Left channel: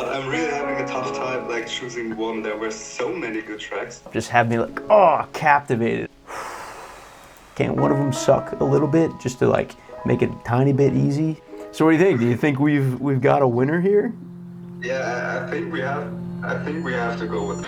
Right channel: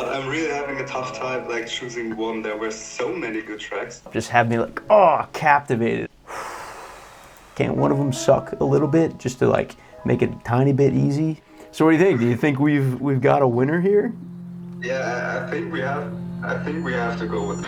But I'm really having a tough time like choosing one. There were so many good tracks. Just had me like, oh, captivated. Can't one of them suck a little bit just to like make it a tiny bit easy? So what do you think? Do you think we've got a winner here? Yeah, I think we have. I think we have to go with.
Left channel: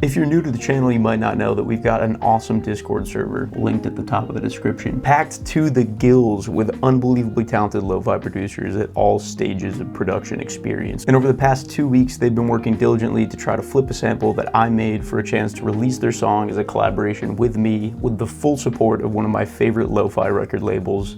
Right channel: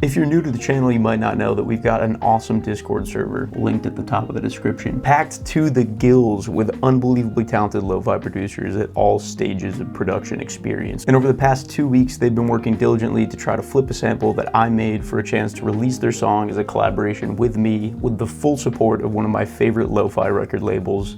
If you're new to the channel, you might not know that we've got an awesome Discord server linked at the top of the description, packed to the gills with unbelievably talented lo-fi producers at all stages of production experience. And over the past 2 weeks, they've been working diligently to try to flip a sample that I made for a chance to release their song as a collaboration with me, with the full support of one of my favorite lo-fi record labels,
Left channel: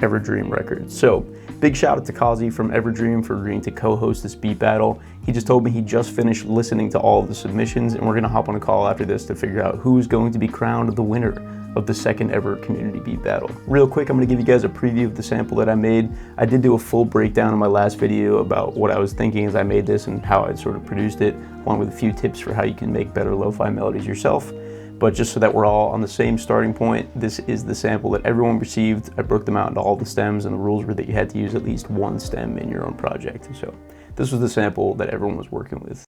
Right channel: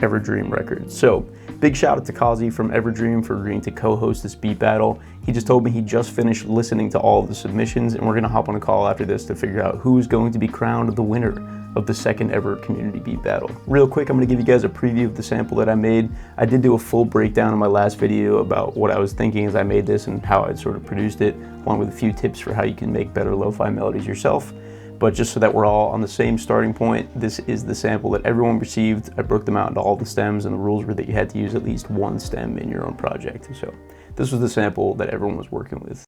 EverDream Records. So, big shout out to Cauzy from EverDream for agreeing to co-host this beat battle. He just told me he just finished listening to all of the submissions, and we're gonna hop on a call after this to figure out who's going to be crowned the winner of the second ever community beat battle. Real quick, I'm gonna give you guys a preview of the sample that I made. I did do a full breakdown in my last video about what I was thinking as I made this and how I'd sort of produced it, along with a few tips for how you can make better lo-fi melodies yourself. But just so that we're all on the same starting point, this is the sample that everyone received. I broke them out into all the stems, and the rules were that you had to use at least one stem in your own project. So this was the sample that everyone was working with.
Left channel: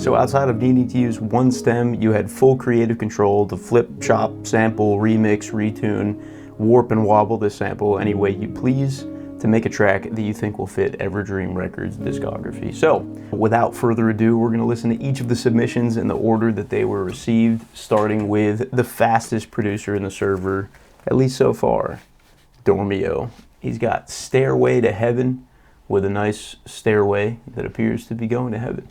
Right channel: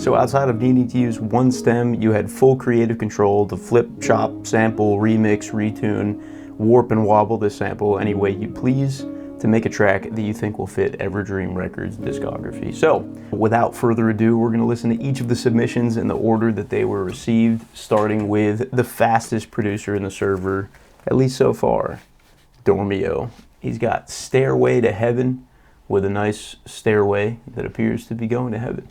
So outside of needing to use one stem, you had full creative control to flip, chop, sample, remix, retune, warp and wobble this sample any way you please to make a track that you think will fit EverDream Records discography. So without further ado, we're gonna listen to each of the submissions in the order that they were received, starting with the fastest producer in the server, at least so far, Dormio. He's got Stairway to Heaven with a nice stairway that appears to be going to heaven.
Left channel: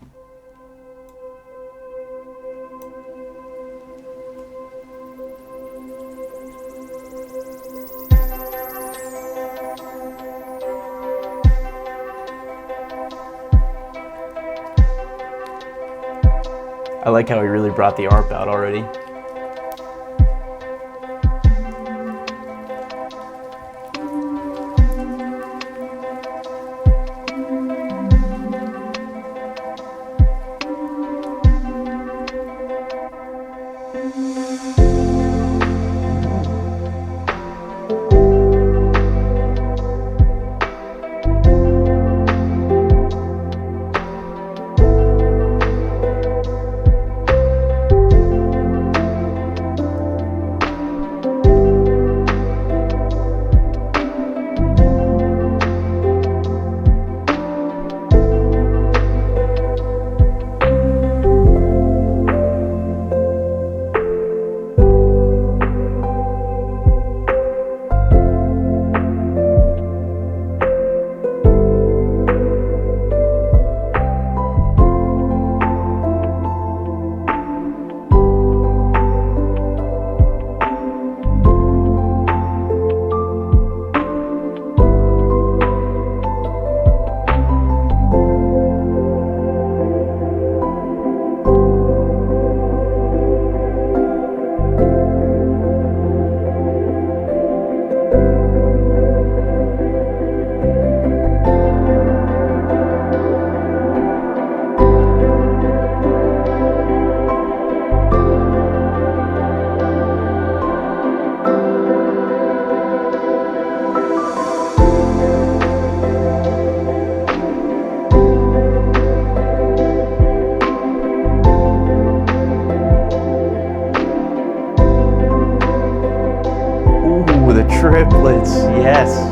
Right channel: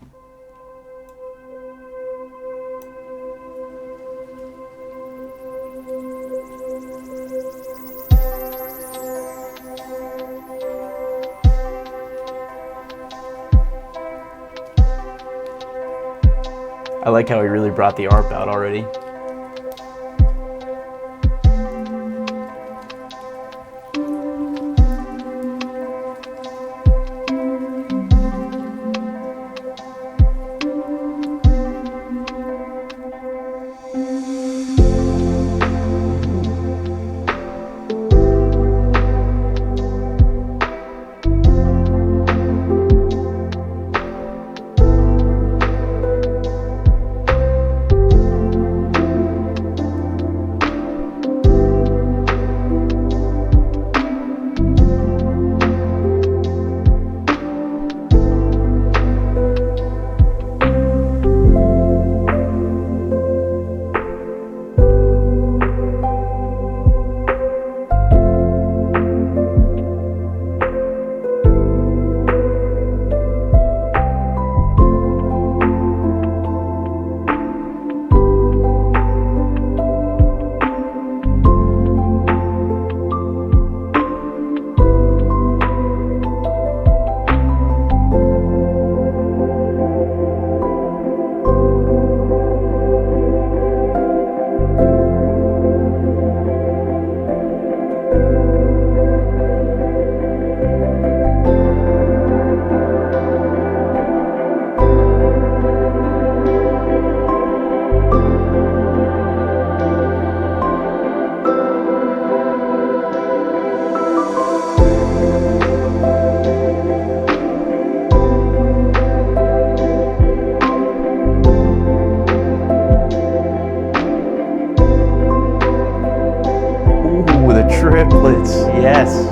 I like how he really brought the ARP out already. Triplets, yes.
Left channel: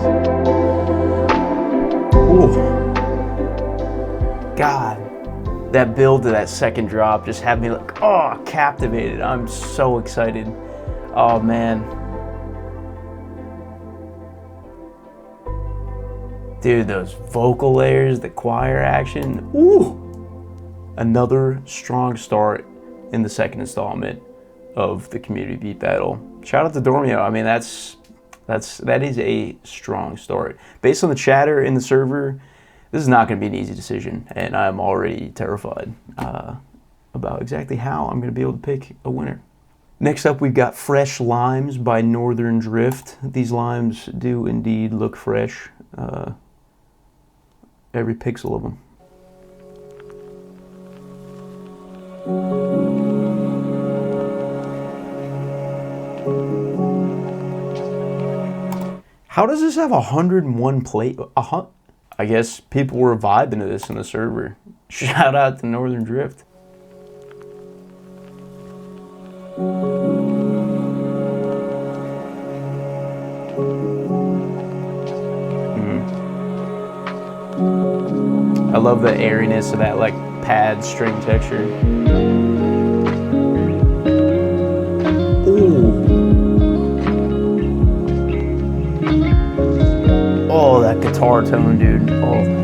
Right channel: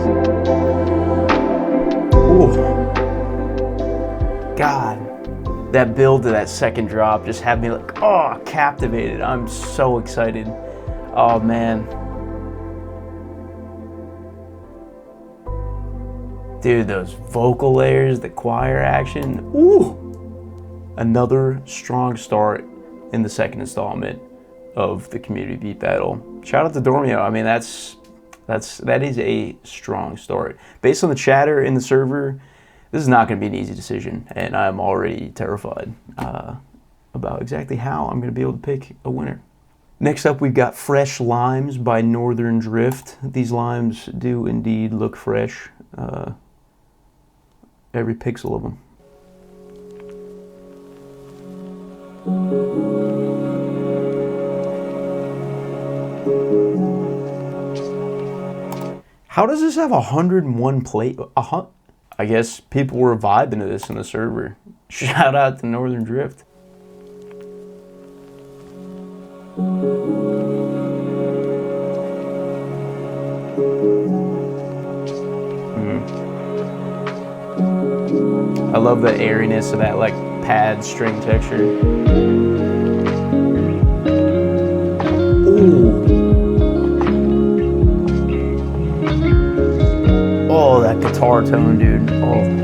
Ooh. God, that build to that second drop just had me like, oh, captivated. I'm so excited. Oh man. Dude, those vocal layers, the choir action, ooh. Another strong start in the second installment of the community beat battle. Shout out to Dormio. I mean, that is a strong start. Based on the chatter in the server, This is not going to be an easy decision, and I'm already terrified about exactly how I'm going to be able to pick a winner. Next up, we've got Fresh Limes by Northern Drift. These limes do indeed look fresh. Every pixel of them. How does this have 101 play? I guess people were vibing to this in the server. Shout out to Northern Drift. I love the airiness of that like pad string texture. Ooh. Oh, that guitar tone, dude. Oh.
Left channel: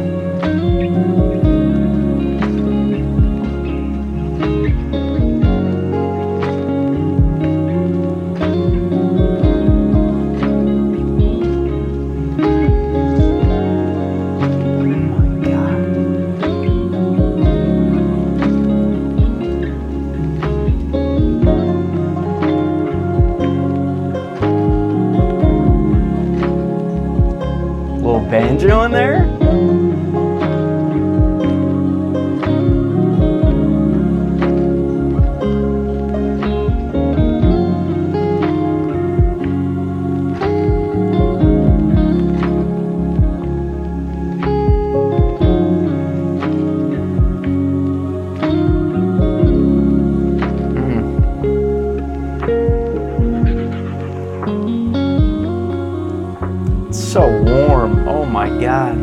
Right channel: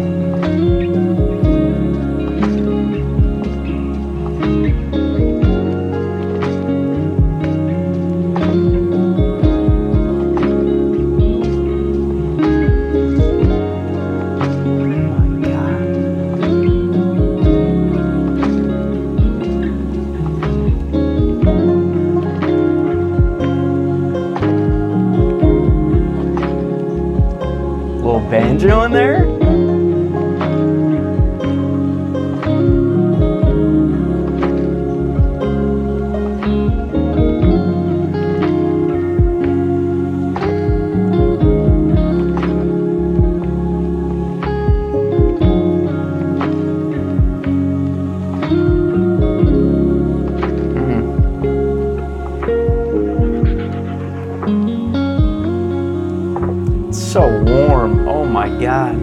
Banjo in there? So warm. Oh my God.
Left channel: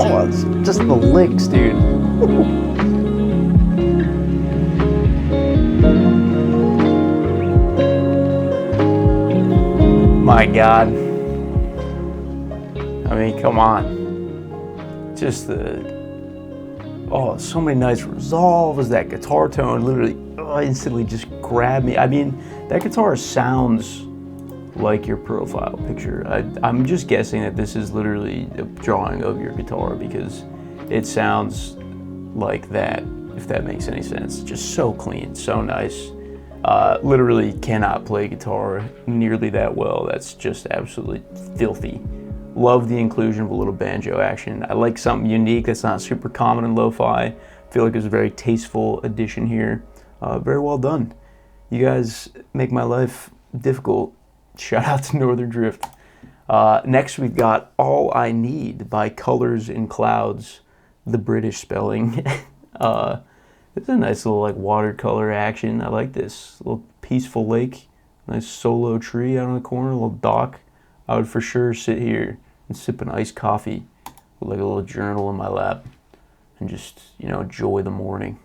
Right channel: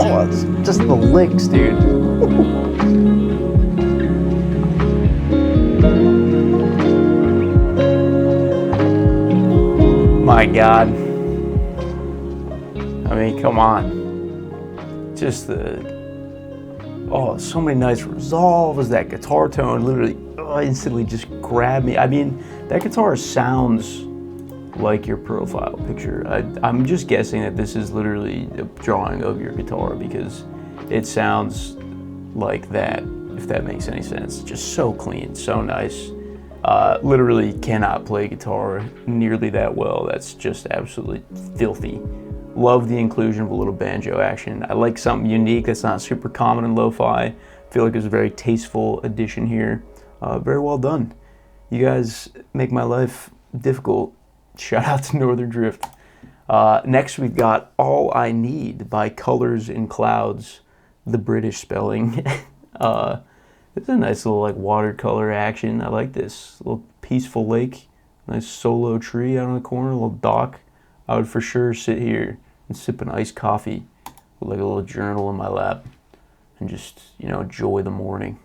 Oh, it's just the licks, dude. My God. I mean, come on. Just so many nice resolves. That guitar tone literally instantly just grabbed me. I mean, that guitar sounds like your profile picture. I'm just guessing that this is literally a drawing of your guitar because it sounds like that, if that makes any sense. Just so clean, so nice. Literally cannot play guitar nearly that well. That's just absolutely filthy. Love the inclusion of a little banjo action. I like something unique that's not super common in lo-fi. I feel like it's a very tasteful addition here. Very well done. You guys make my life difficult. Shout out to Northern Drift. Next we've got All I Need by Colors in Clouds, the British spelling. It's a nice little like watercolor action. I like this. A little peaceful lake, nice solo tree out in the corner, a little dock. I would for sure sit here and sip an iced coffee with like a little journal in my lap and just, you know, enjoy the morning.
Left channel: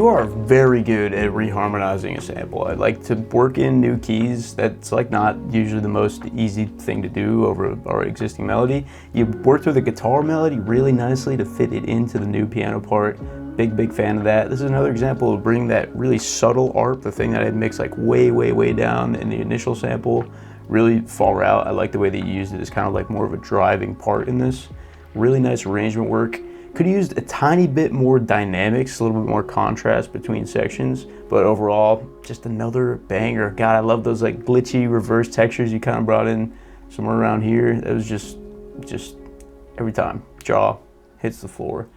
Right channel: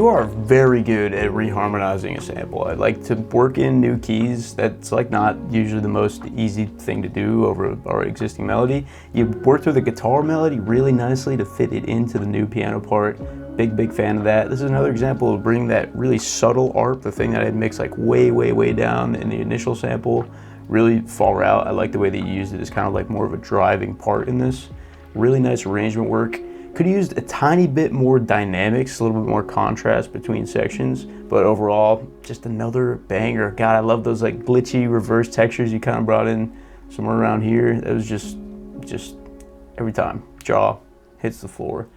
You are very good at reharmonizing a sample. I like to work in new keys. That's like not usually the most easy thing to do over our existing melody. You work through the guitar melody really nicely to fit it into the new piano part. Big fan of that. This is another example of bringing that really subtle ARP, the thing that I'd mix like way down in the initial sample, really far out. I like the way that you used it as kind of like more of a driving part in this. Really nice arrangement work. Could have used a tiny bit more dynamics, a little bit more contrast between sections, but overall, just another banger. God, I love those like glitchy reverse textures you kind of brought in somewhere around here. It was just every time, jaw hits the floor.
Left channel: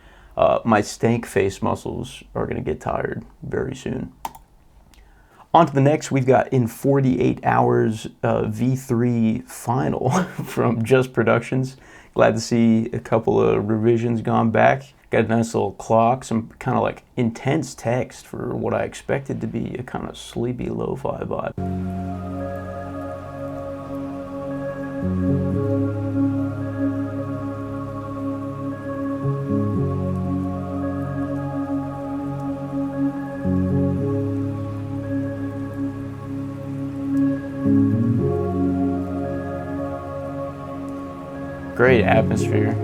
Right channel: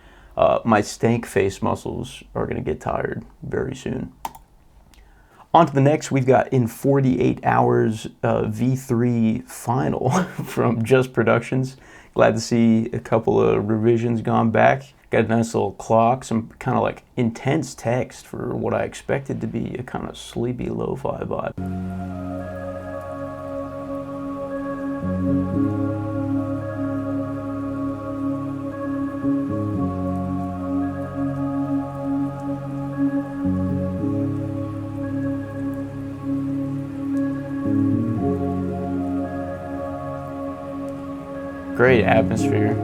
My stank face muscles are gonna get tired very soon. On to the next, we've got In 48 Hours V3 Final from Just Productions. Glad to see a couple of revisions gone back. Got a nice little clock, some kind of like intense text for what I expected to be a kind of sleepy lo-fi vibe. Great atmosphere.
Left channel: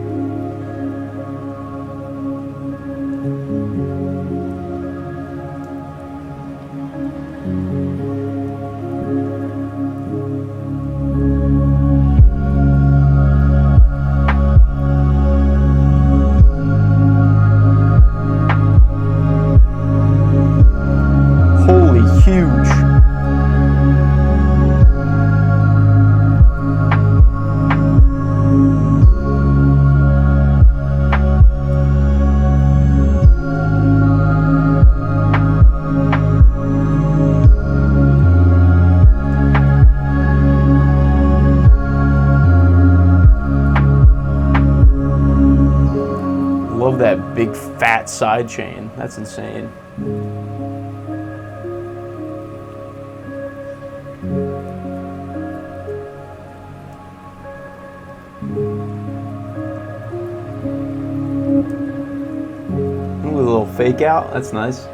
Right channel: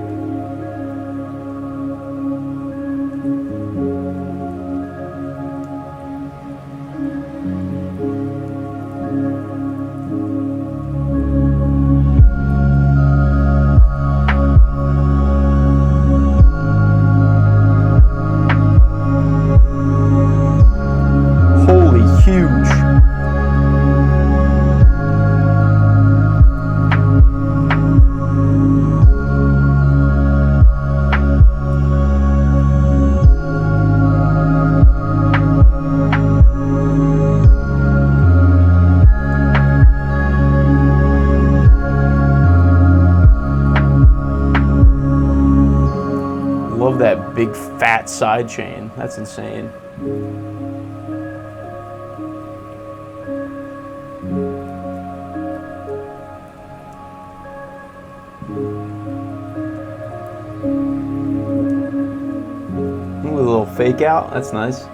Holy huge. Love that big fat side chain. That's insane. Ooh, a little fake out. That's nice.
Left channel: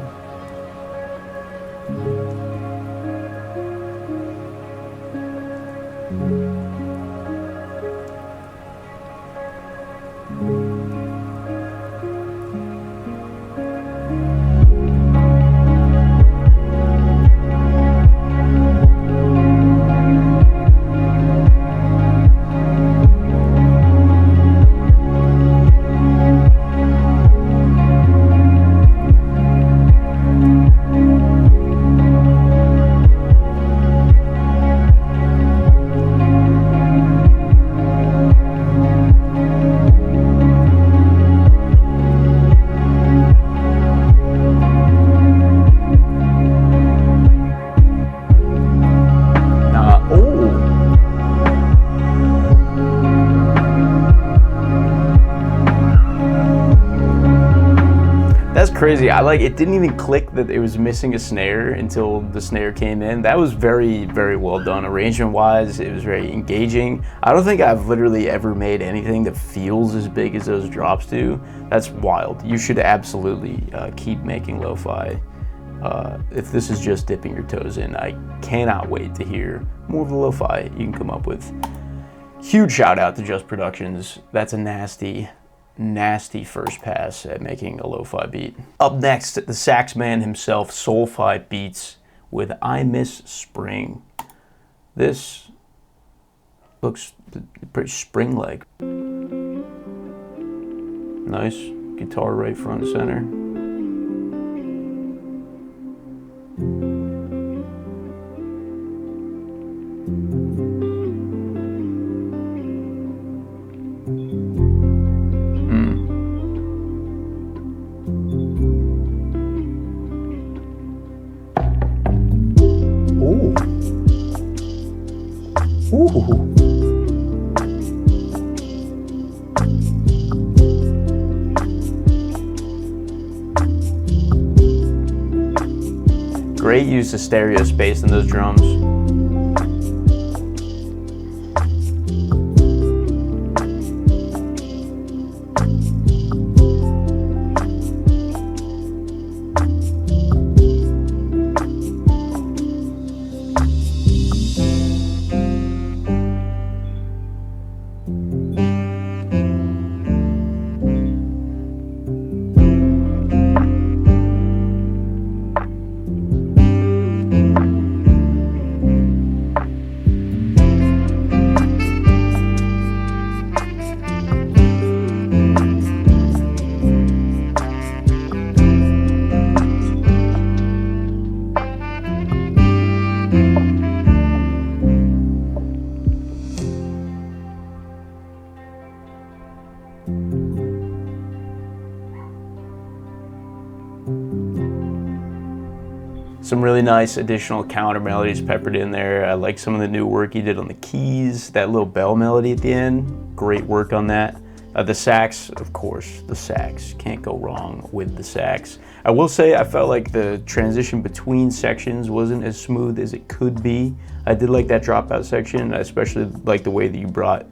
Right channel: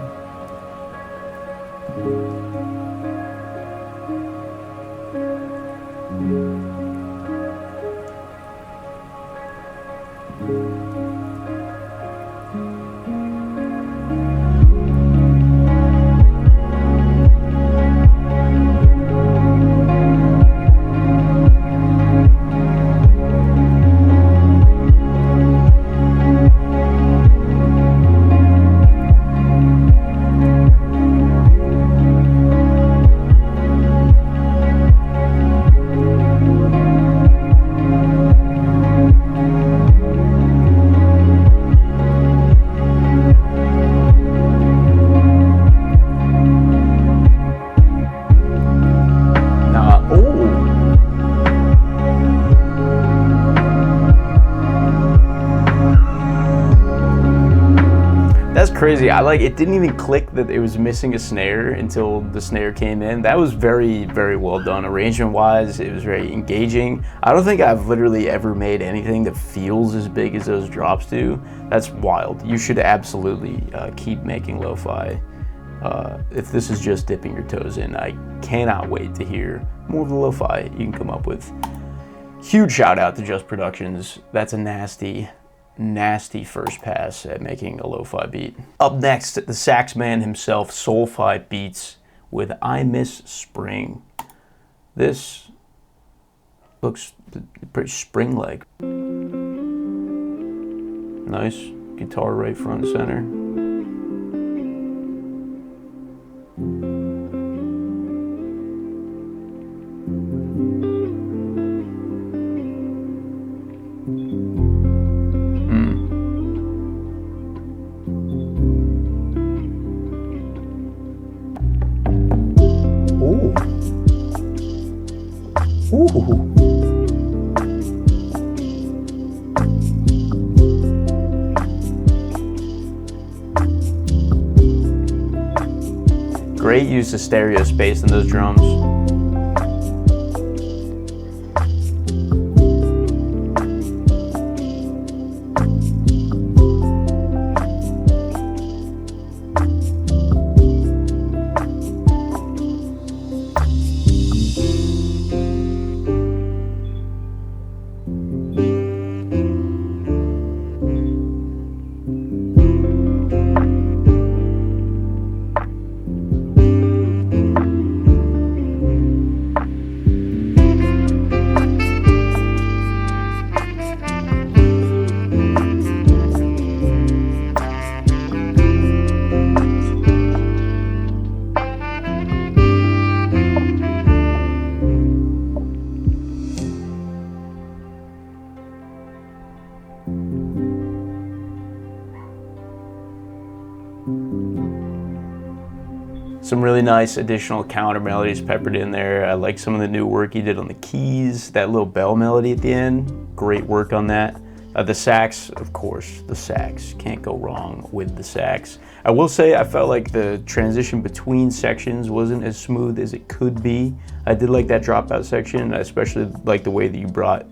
That's crazy. It didn't even click that it was missing a snare until the snare came in. That was very well done. Arrangement wise, it was very engaging. I don't think I've literally ever made anything that feels as big as those drops do. That's wild. You should absolutely keep making lo-fi. If this is just dipping your toes in, I cannot wait to hear more of the lo-fi you can come up with. Huge shout out to Just Productions. That's a nasty first pass at making a lo-fi beat. Up next, the sax man himself, Soulfy Beatz with I Miss Spring. This looks pretty spring-like. Nice guitar right front and center. Ooh. Great use of stereo space in those drums. Some really nice additional counter melodies peppered in there. I like some of the new work he did on the keys, that little bell melody at the end. Great work on that. The sax, of course, the sax. Can't go wrong with the sax. I will say I felt like the transition between sections wasn't as smooth as it could be. I did like that dropout section. I especially like the way that you brought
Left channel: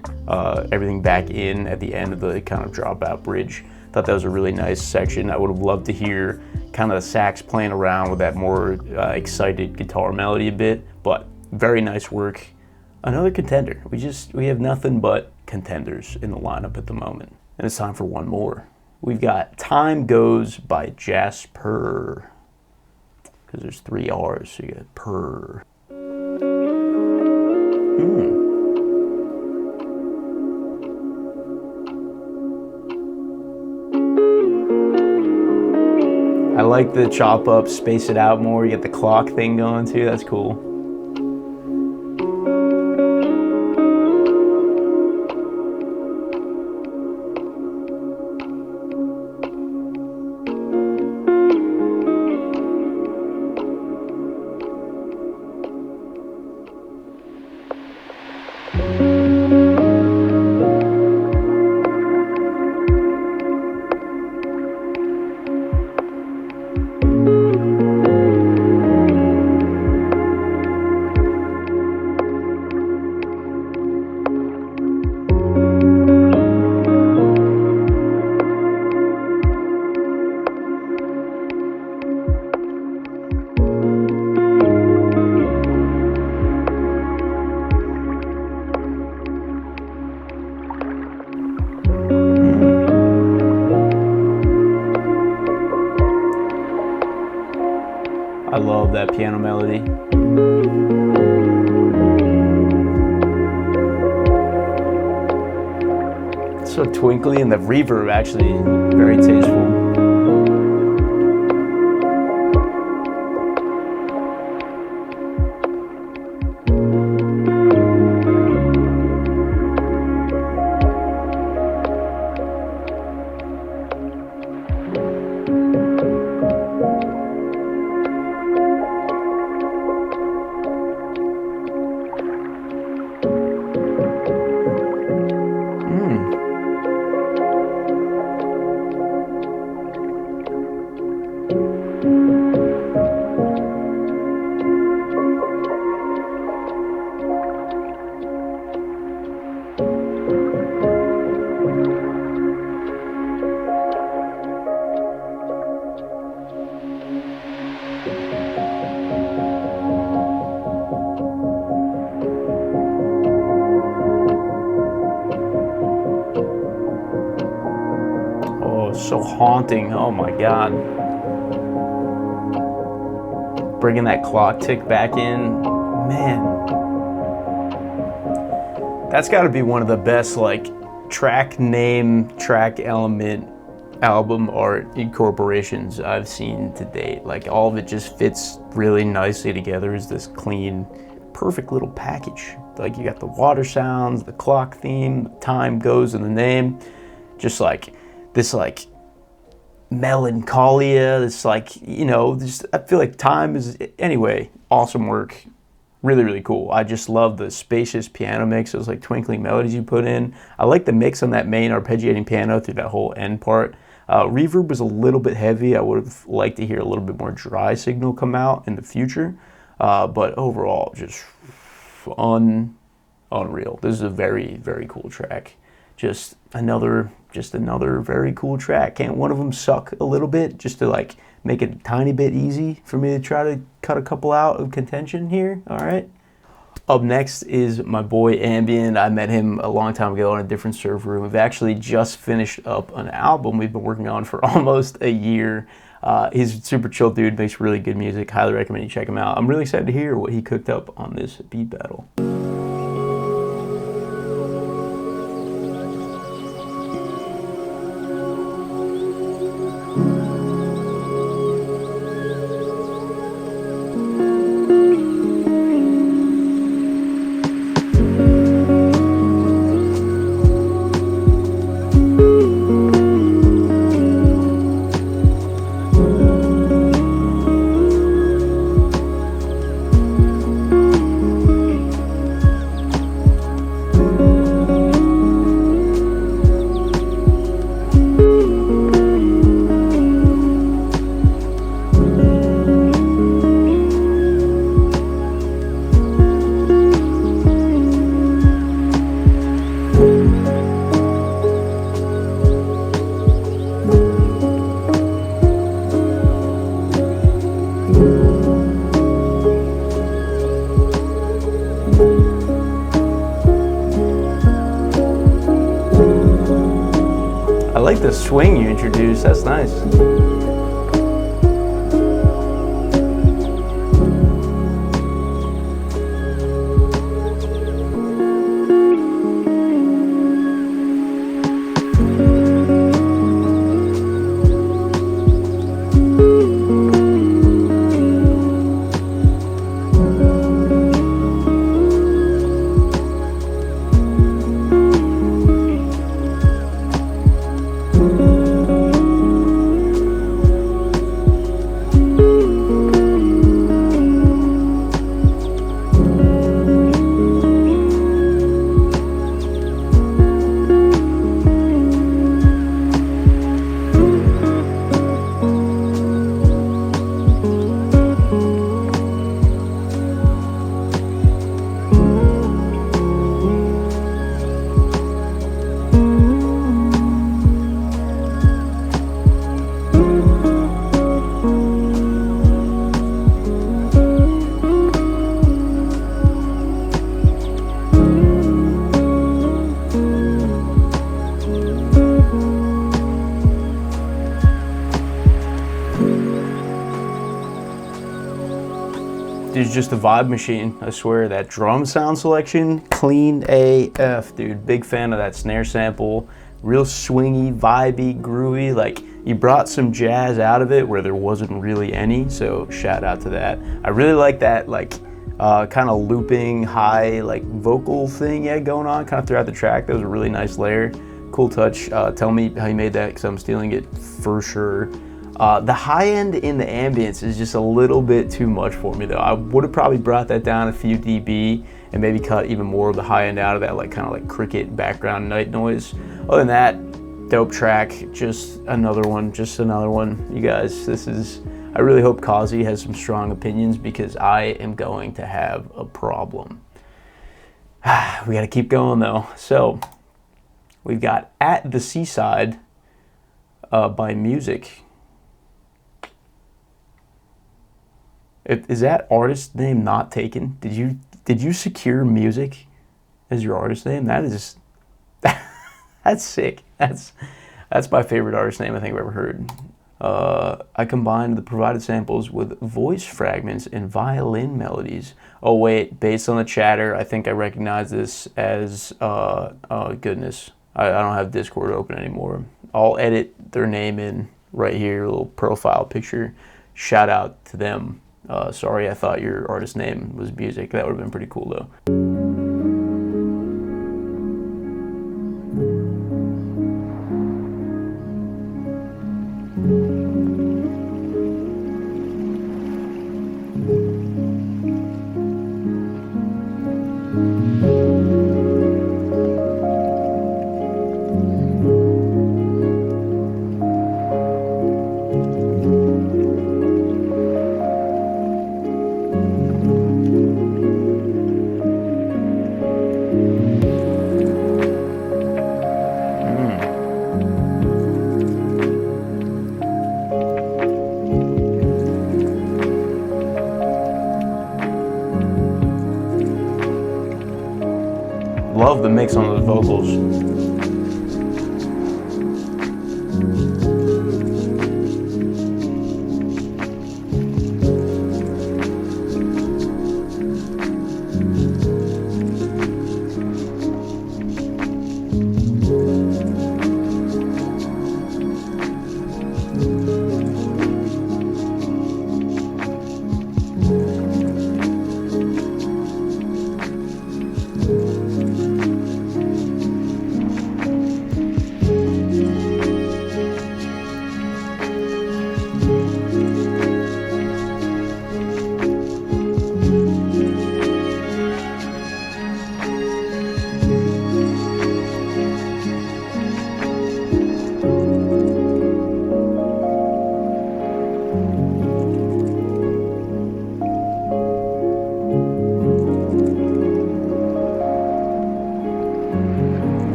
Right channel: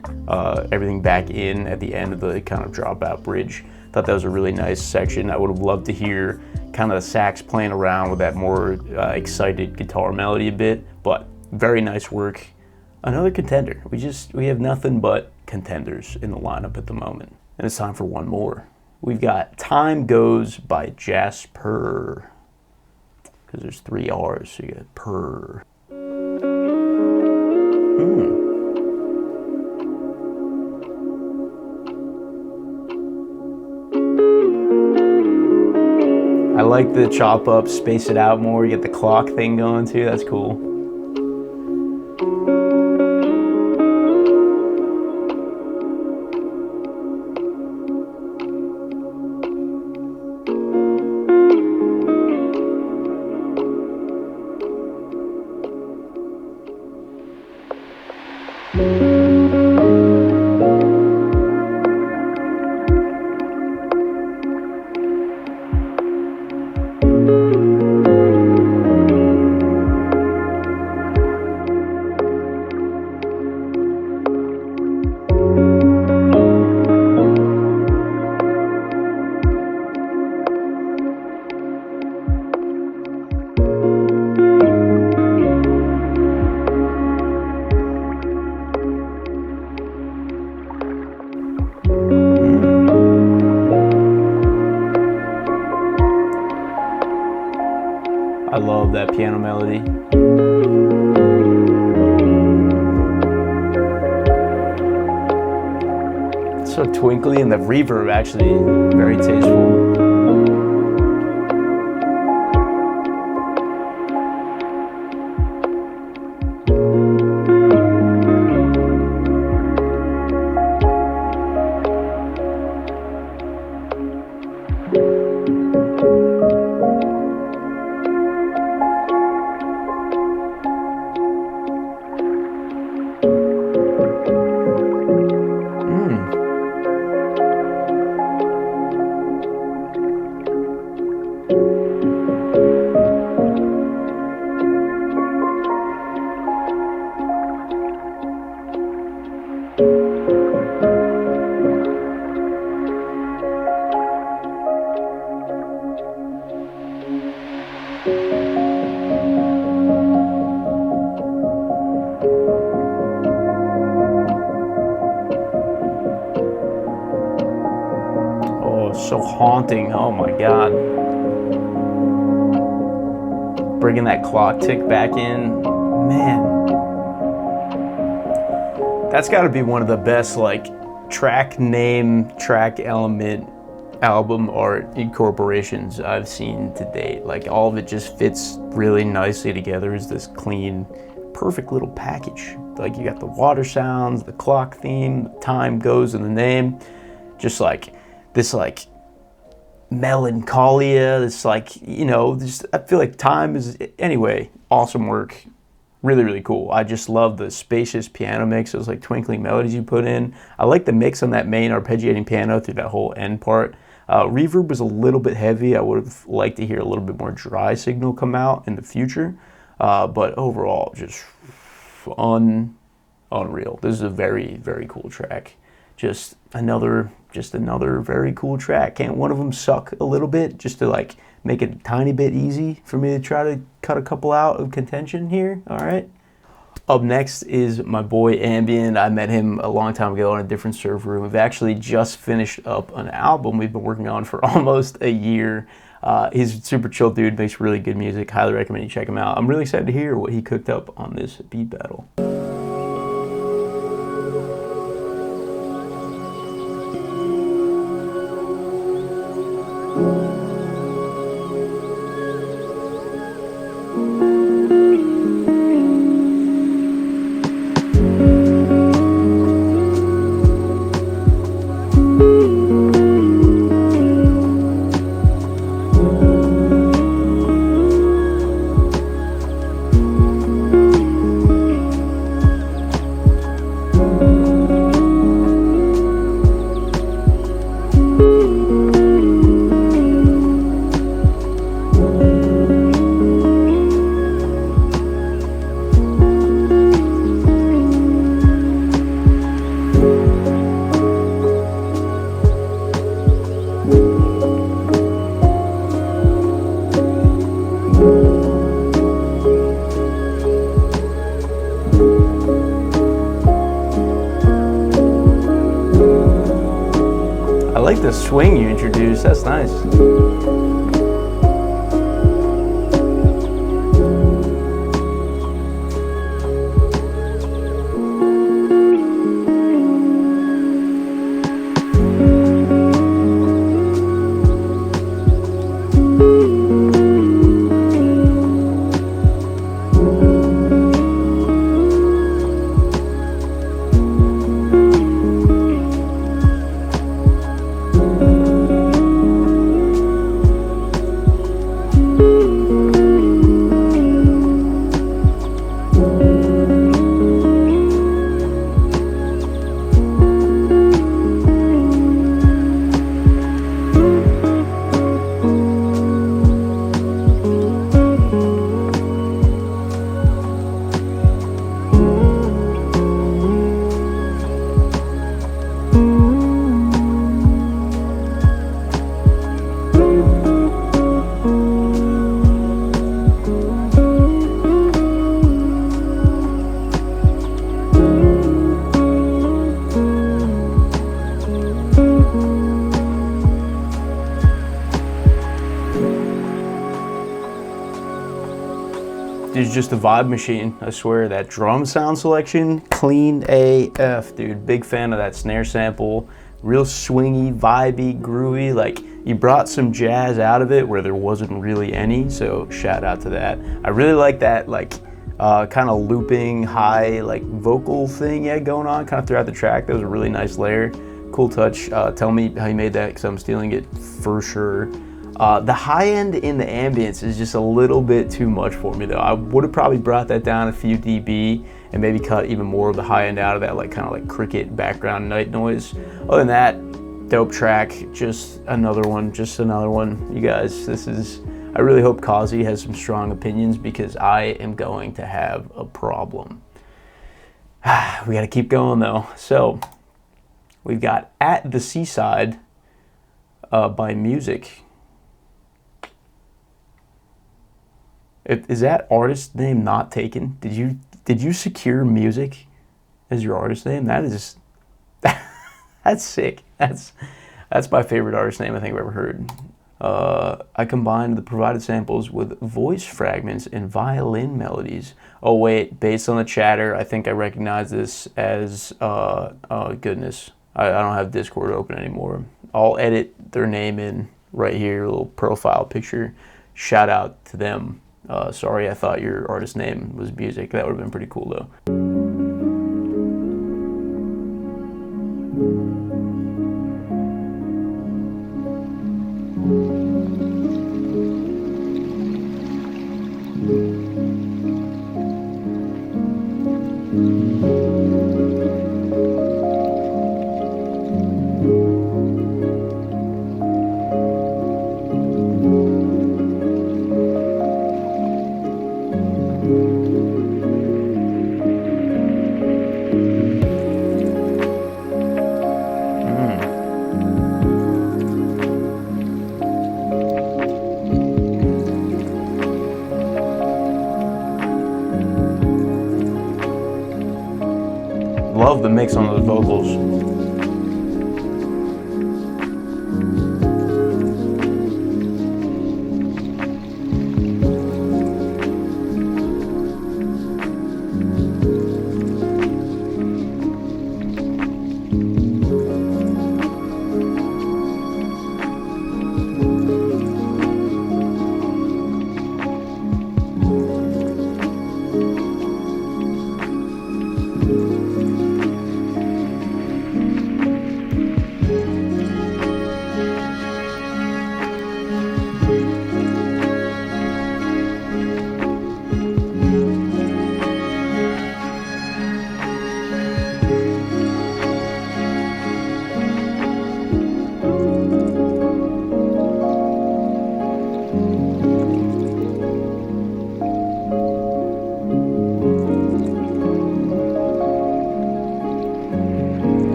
everything back in at the end of the kind of dropout bridge. Thought that was a really nice section. I would have loved to hear kind of the sax playing around with that more excited guitar melody a bit, but very nice work. Another contender. We have nothing but contenders in the lineup at the moment. And it's time for one more. We've got Time Goes by jaspurrr. Because there's 3 R's, so you got purr. I like the chop up, space it out more. You get the clock thing going too, that's cool. I love that piano melody. It's so twinkly, and the reverb actually very tasteful. So haunting, oh my god. Bringing that clock tick back in, man. That's gotta be one of the best like track name, track element, album art incorporations I've seen to date. Like all of it just fits really nicely together as this clean, perfect little package. Like you got the water sounds, the clock theme, time goes in the name, just like this like melancholia, this like, you know, just I feel like time is, anyway, awesome work. Really, really cool. I just love the spacious piano mix, those like twinkling melodies you put in. I like the mix on that main arpeggiating piano through that whole end part. Reverb was a little bit heavy. I would have liked to hear a little bit more dry signal come out in the future. But overall, just unreal. This is a very, very cool track. Just another very cool track. Can't one of them suck a little bit just to like make it a tiny bit easy for me to try to cut a couple out of contention here? All right. Up next is my boy Ambian. I met him a long time ago on a different server. We've actually just finished up an album we've been working on for almost a year. He's a super chill dude, makes really good music. Highly recommend you check him out. I'm really excited to hear what he cooked up on this beat battle. I like the swing you introduced, that's nice. Dude's just a vibe machine, I swear. That drum sound selection, clean AF, dude. Big fan of that snare sample. Real swingy, vibey, groovy. Like, you brought some jazz out of it where there wasn't really any, so shout out to that. I really like that, like, kind of looping, high, like, vocal thing you had going on kind of throughout the track. That was a really nice layer. Cool touch. Tell me how you made that, because I'm stealing it for sure. The high end in the ambience is just a little bit too much for me though. I would have probably brought that down a few dB and maybe cut even more of the high end out of that, like kind of like cricket background night noise. Other than that, dope track, just another one, You guys, I really hope Cauzy has some strong opinions, because I am going to have a problem. We gotta keep going though. So, we've got At the Seaside by Music. Is that artist name not taken? Did you secure Music as your artist name? That is, that's sick. That's my favorite artist name I think I've ever heard. I combined the provided samples with voice fragments and violin melodies. Oh wait, based on the chatter, I think I recognize this as, oh goodness, I don't have Discord open anymore. I'll edit their name in right here, a little profile picture. Shout out to them. Sorry, I thought your artist name was Music. That would have been pretty cool though. Love the mix on those vocals.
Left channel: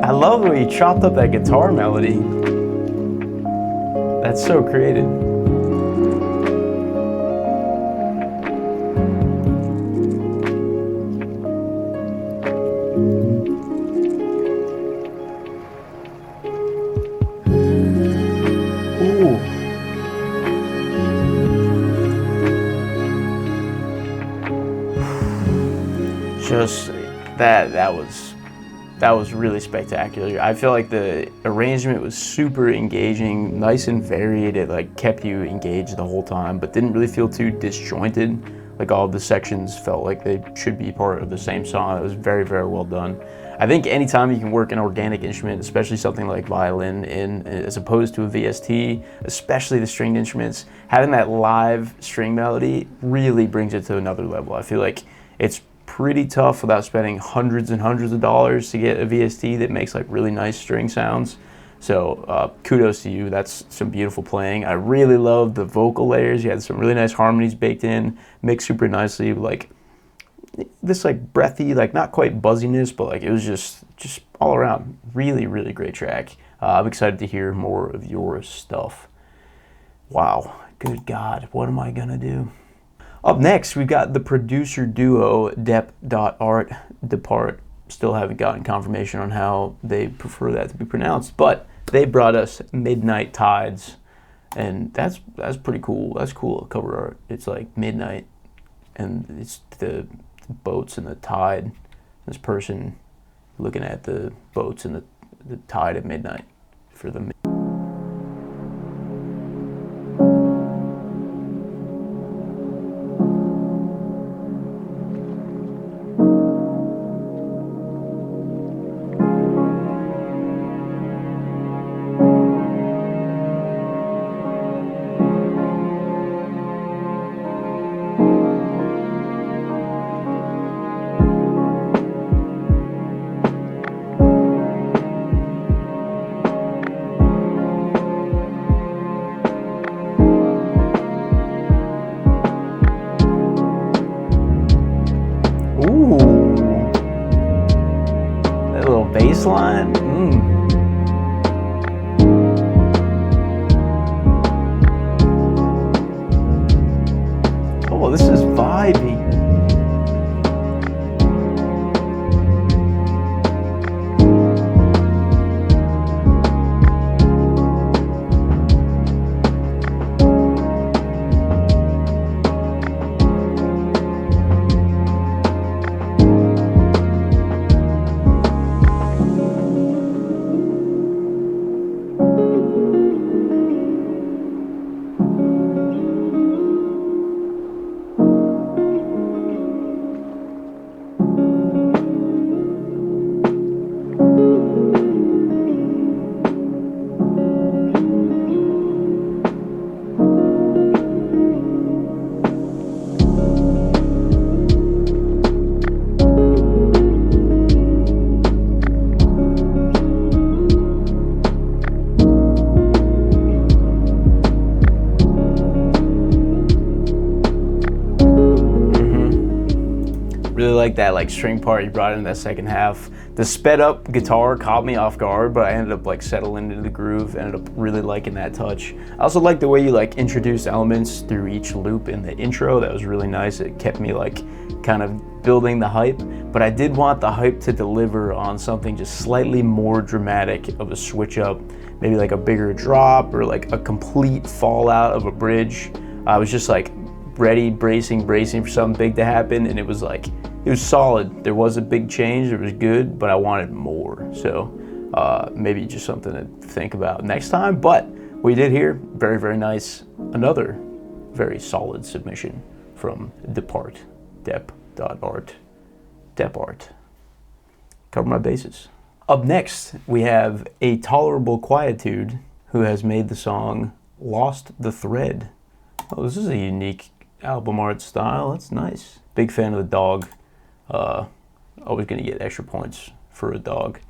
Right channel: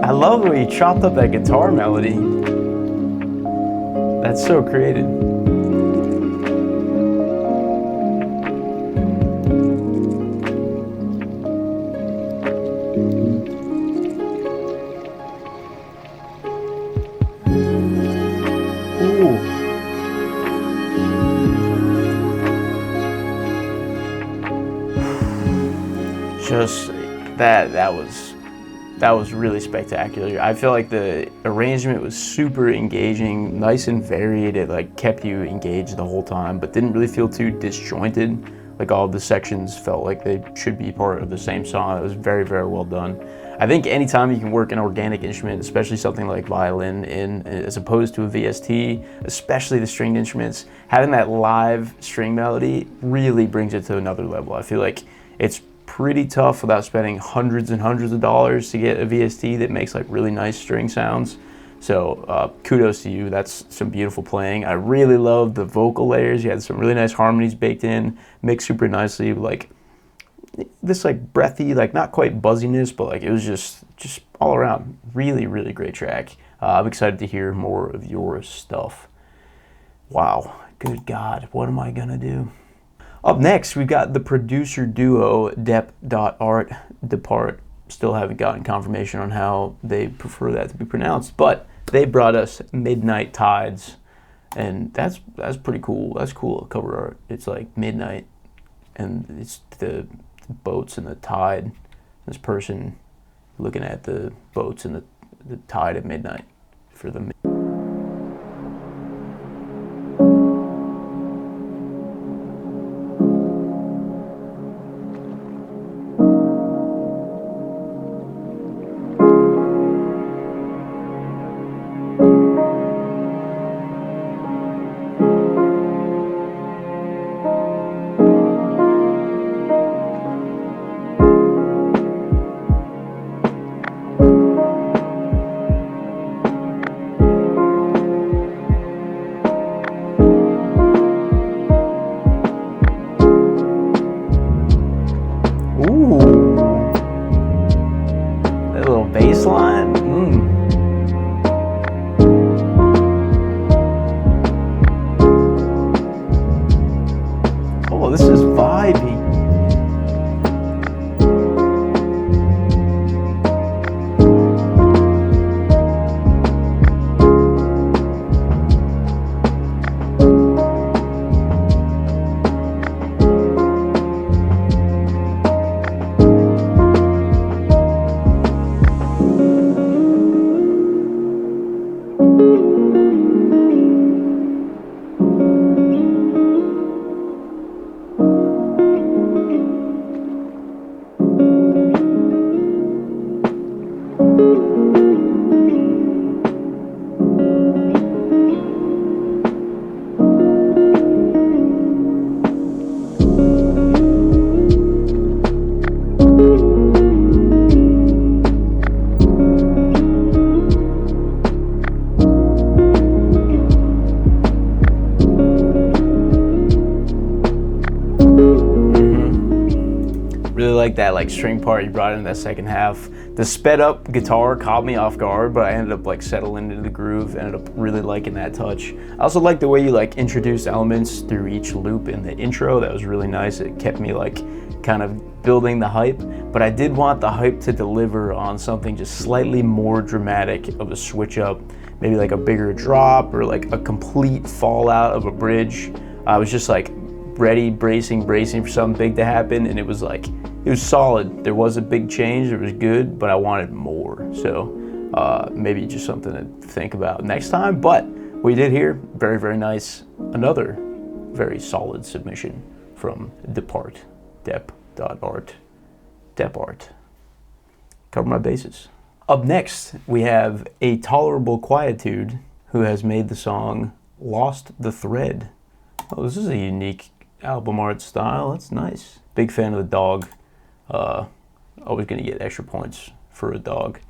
I love the way you chopped up that guitar melody. That's so creative. Ooh. Just that was really spectacular. I feel like the arrangement was super engaging, nice and varied. It like kept you engaged the whole time, but didn't really feel too disjointed. Like all of the sections felt like they should be part of the same song. It was very, very well done. I think anytime you can work an organic instrument, especially something like violin, in as opposed to a VST, especially the stringed instruments, having that live string melody really brings it to another level. I feel like it's pretty tough without spending hundreds and hundreds of dollars to get a VST that makes like really nice string sounds. So kudos to you. That's some beautiful playing. I really love the vocal layers. You had some really nice harmonies baked in, mixed super nicely. Like this like breathy, like not quite buzziness, but like it was just all around really, really great track. I'm excited to hear more of your stuff. Wow, good God, what am I gonna do? Up next, we've got the producer duo dep.art, dep.art. Still haven't gotten confirmation on how they prefer that to be pronounced, but they brought us Midnight Tides, and that's pretty cool. That's cool cover art. It's like midnight, and it's the boats and the tide. This person looking at the boats and the tide at midnight for the. Baseline. Oh, this is vibey. Really like that like string part you brought in that second half. The sped up guitar caught me off guard, but I ended up like settling into the groove, ended up really liking that touch. I also like the way you like introduced elements through each loop in the intro. That was really nice. It kept me like kind of building the hype, but I did want the hype to deliver on something just slightly more dramatic of a switch up, maybe like a bigger drop or like a complete fallout of a bridge. I was just like ready, bracing for something big to happen, and it was solid. There was a big change, it was good, but I wanted more. So maybe just something to think about next time. But we did hear, very, very nice. Another very solid submission from dep.art, dep.art, dep.art. Cover my bases. Up next, we have a Tolerable Quietude, who has made the song Lost the Thread. Oh, this is a unique album art style. That's nice. Big fan of the dog. Always gonna get extra points for a dog.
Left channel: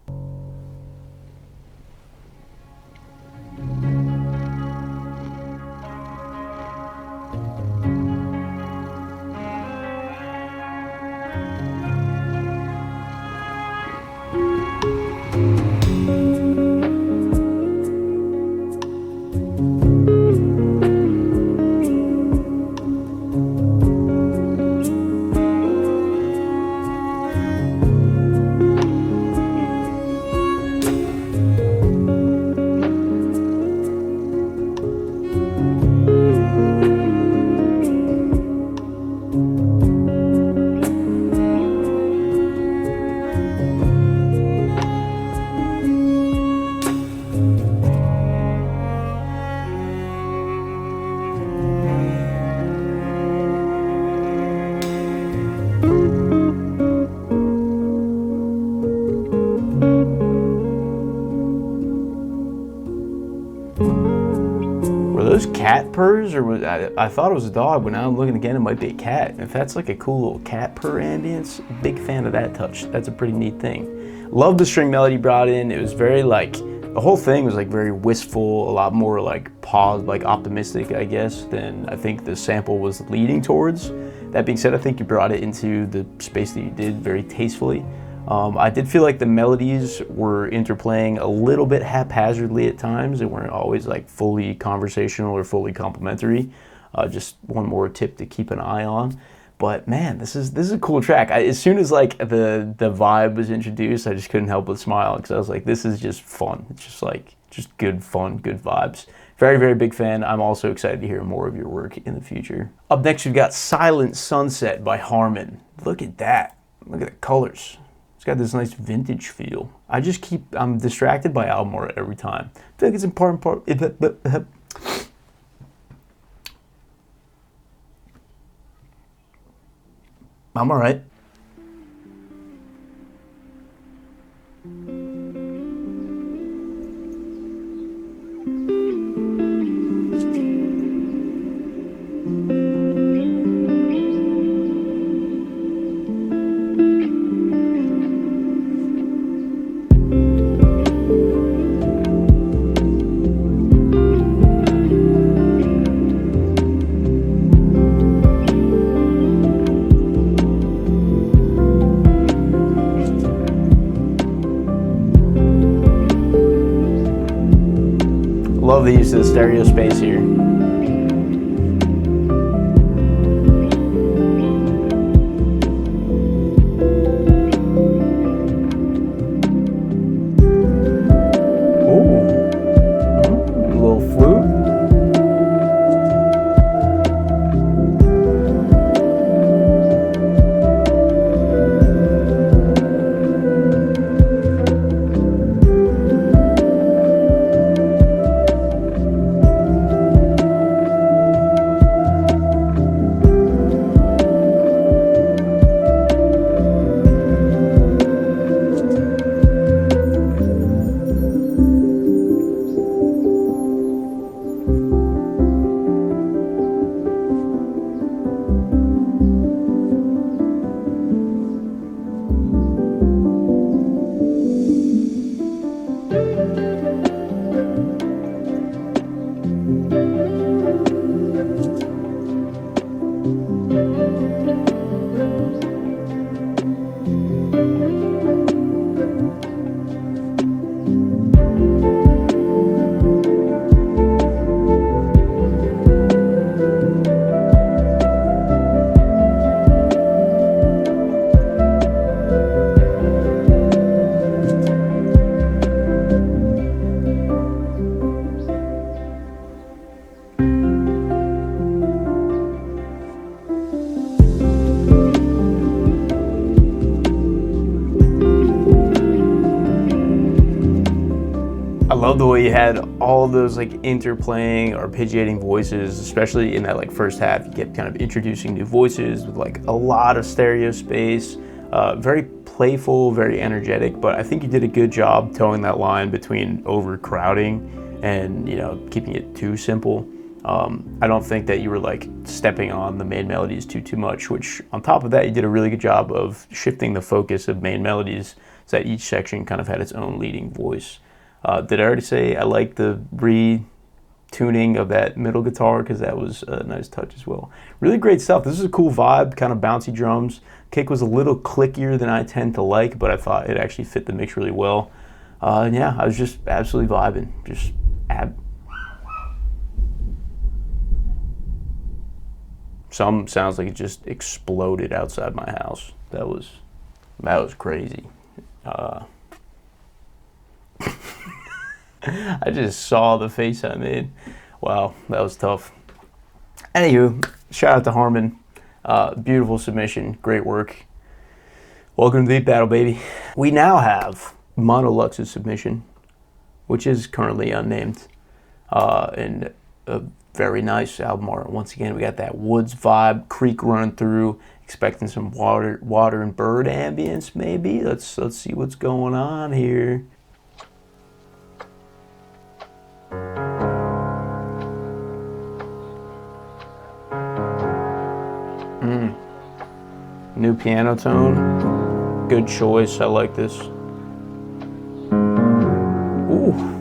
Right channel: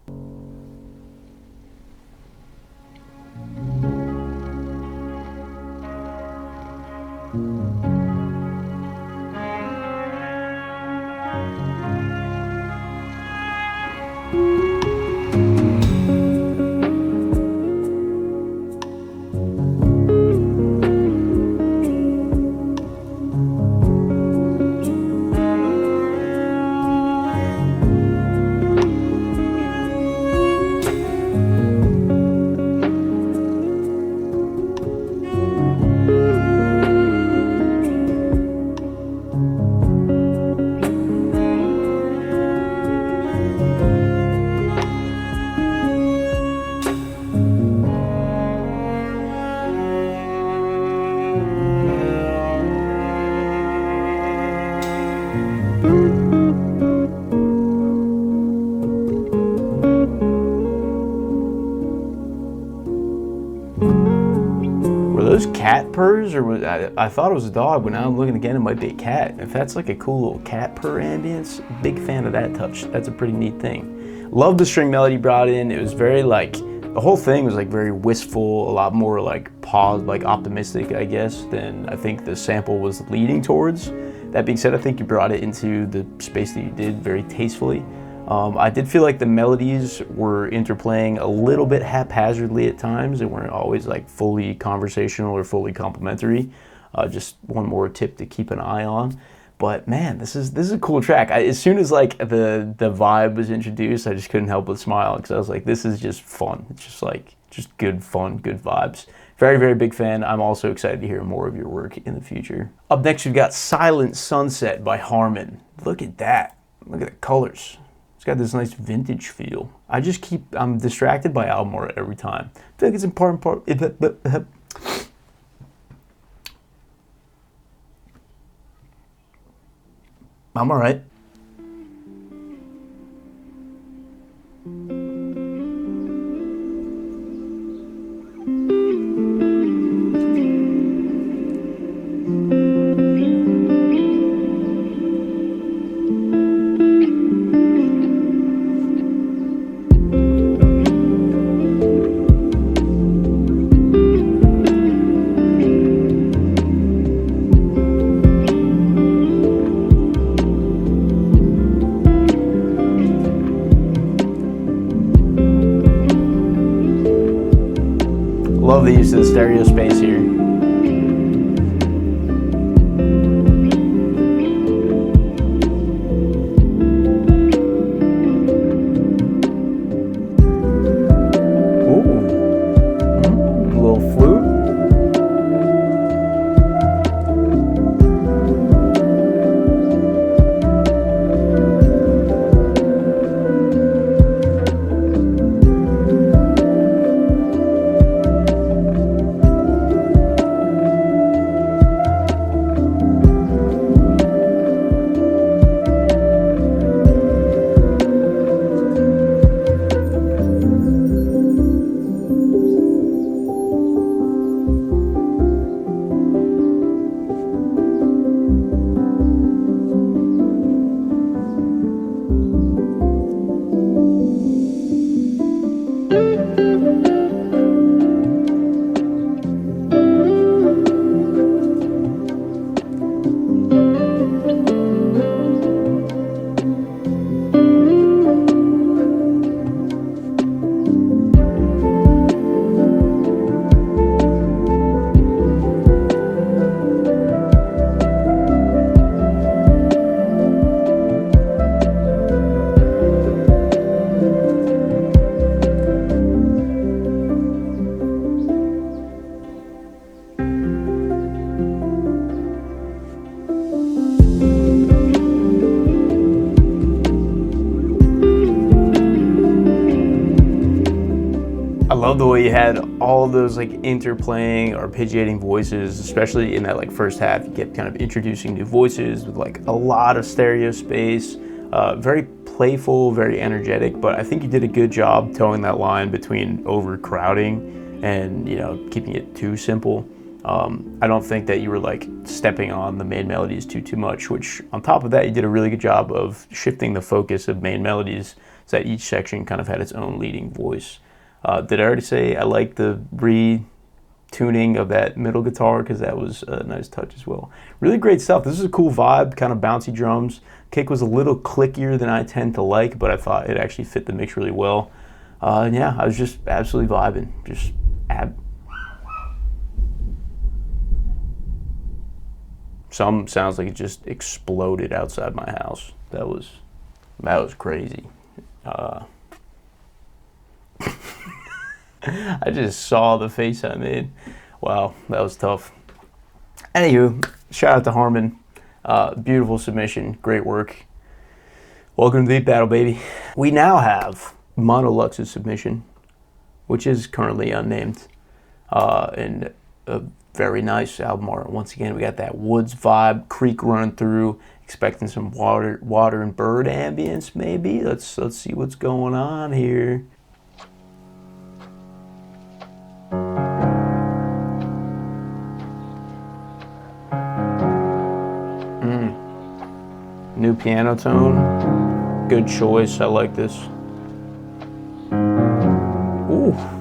those cat purrs, or was I thought it was a dog, but now I'm looking again, it might be a cat. If that's like a cool little cat purr ambience, big fan of that touch. That's a pretty neat thing. Love the string melody brought in. It was very like, the whole thing was like very wistful, a lot more like paused, like optimistic, I guess, than I think the sample was leading towards. That being said, I think you brought it into the space that you did very tastefully. I did feel like the melodies were interplaying a little bit haphazardly at times. They weren't always like fully conversational or fully complimentary. Just one more tip to keep an eye on. But man, this is a cool track. As soon as like the vibe was introduced, I just couldn't help but smile because I was like, this is just fun. It's just like, just good fun, good vibes. Very, very big fan. I'm also excited to hear more of your work in the future. Up next, we've got Silent Sunset by Harman. Look at that. Look at the colors. It's got this nice vintage feel. I'm distracted by album art every time. I feel like it's important part. I'm all right. Love the use of the stereo space here. Ooh, a little flute. I love the way you had all those like interplaying, arpeggiating voices, especially in that like first half. You kept kind of introducing new voices with like a lot of stereo space. Very playful, very energetic, but I think you did a good job towing that line between overcrowding and, you know, keeping it too simple. I don't think that you were like stepping on the main melodies too much, which on top of that, you did a really good job of shifting the focus of main melodies so that each section kind of had its own leading voice. Did I already say I like the retuning of that middle guitar, because that was a nice touch as well. Really great stuff. This is a cool vibe, kind of bouncy drums. Kick was a little clickier than I tend to like, but I thought it actually fit the mix really well. And yeah, I was just absolutely vibing. Some sounds like it just exploded outside my house. That was crazy. I just saw the face I made. Wow, that was tough. Anywho, shout out to Harman. Beautiful submission, great work. Welcome to the beat battle, baby. We now have Monolux's submission, which is currently unnamed, and a very nice album art. Once again, we got that woods vibe, creek running through, expecting some water and bird ambience maybe. Let's see what's going on here. new piano tone. Good choice, I like this. Ooh.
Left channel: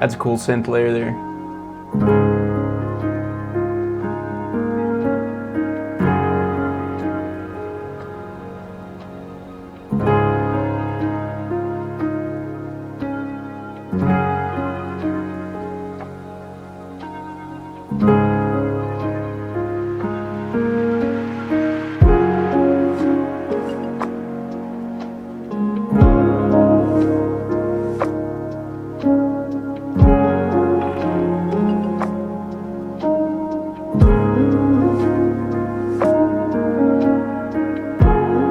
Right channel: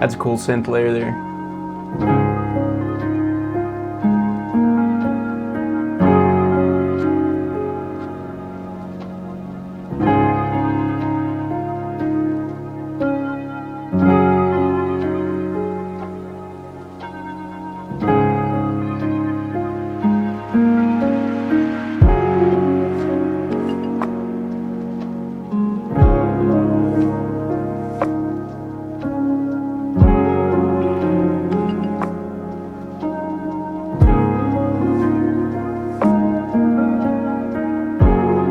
That's a cool synth layer there.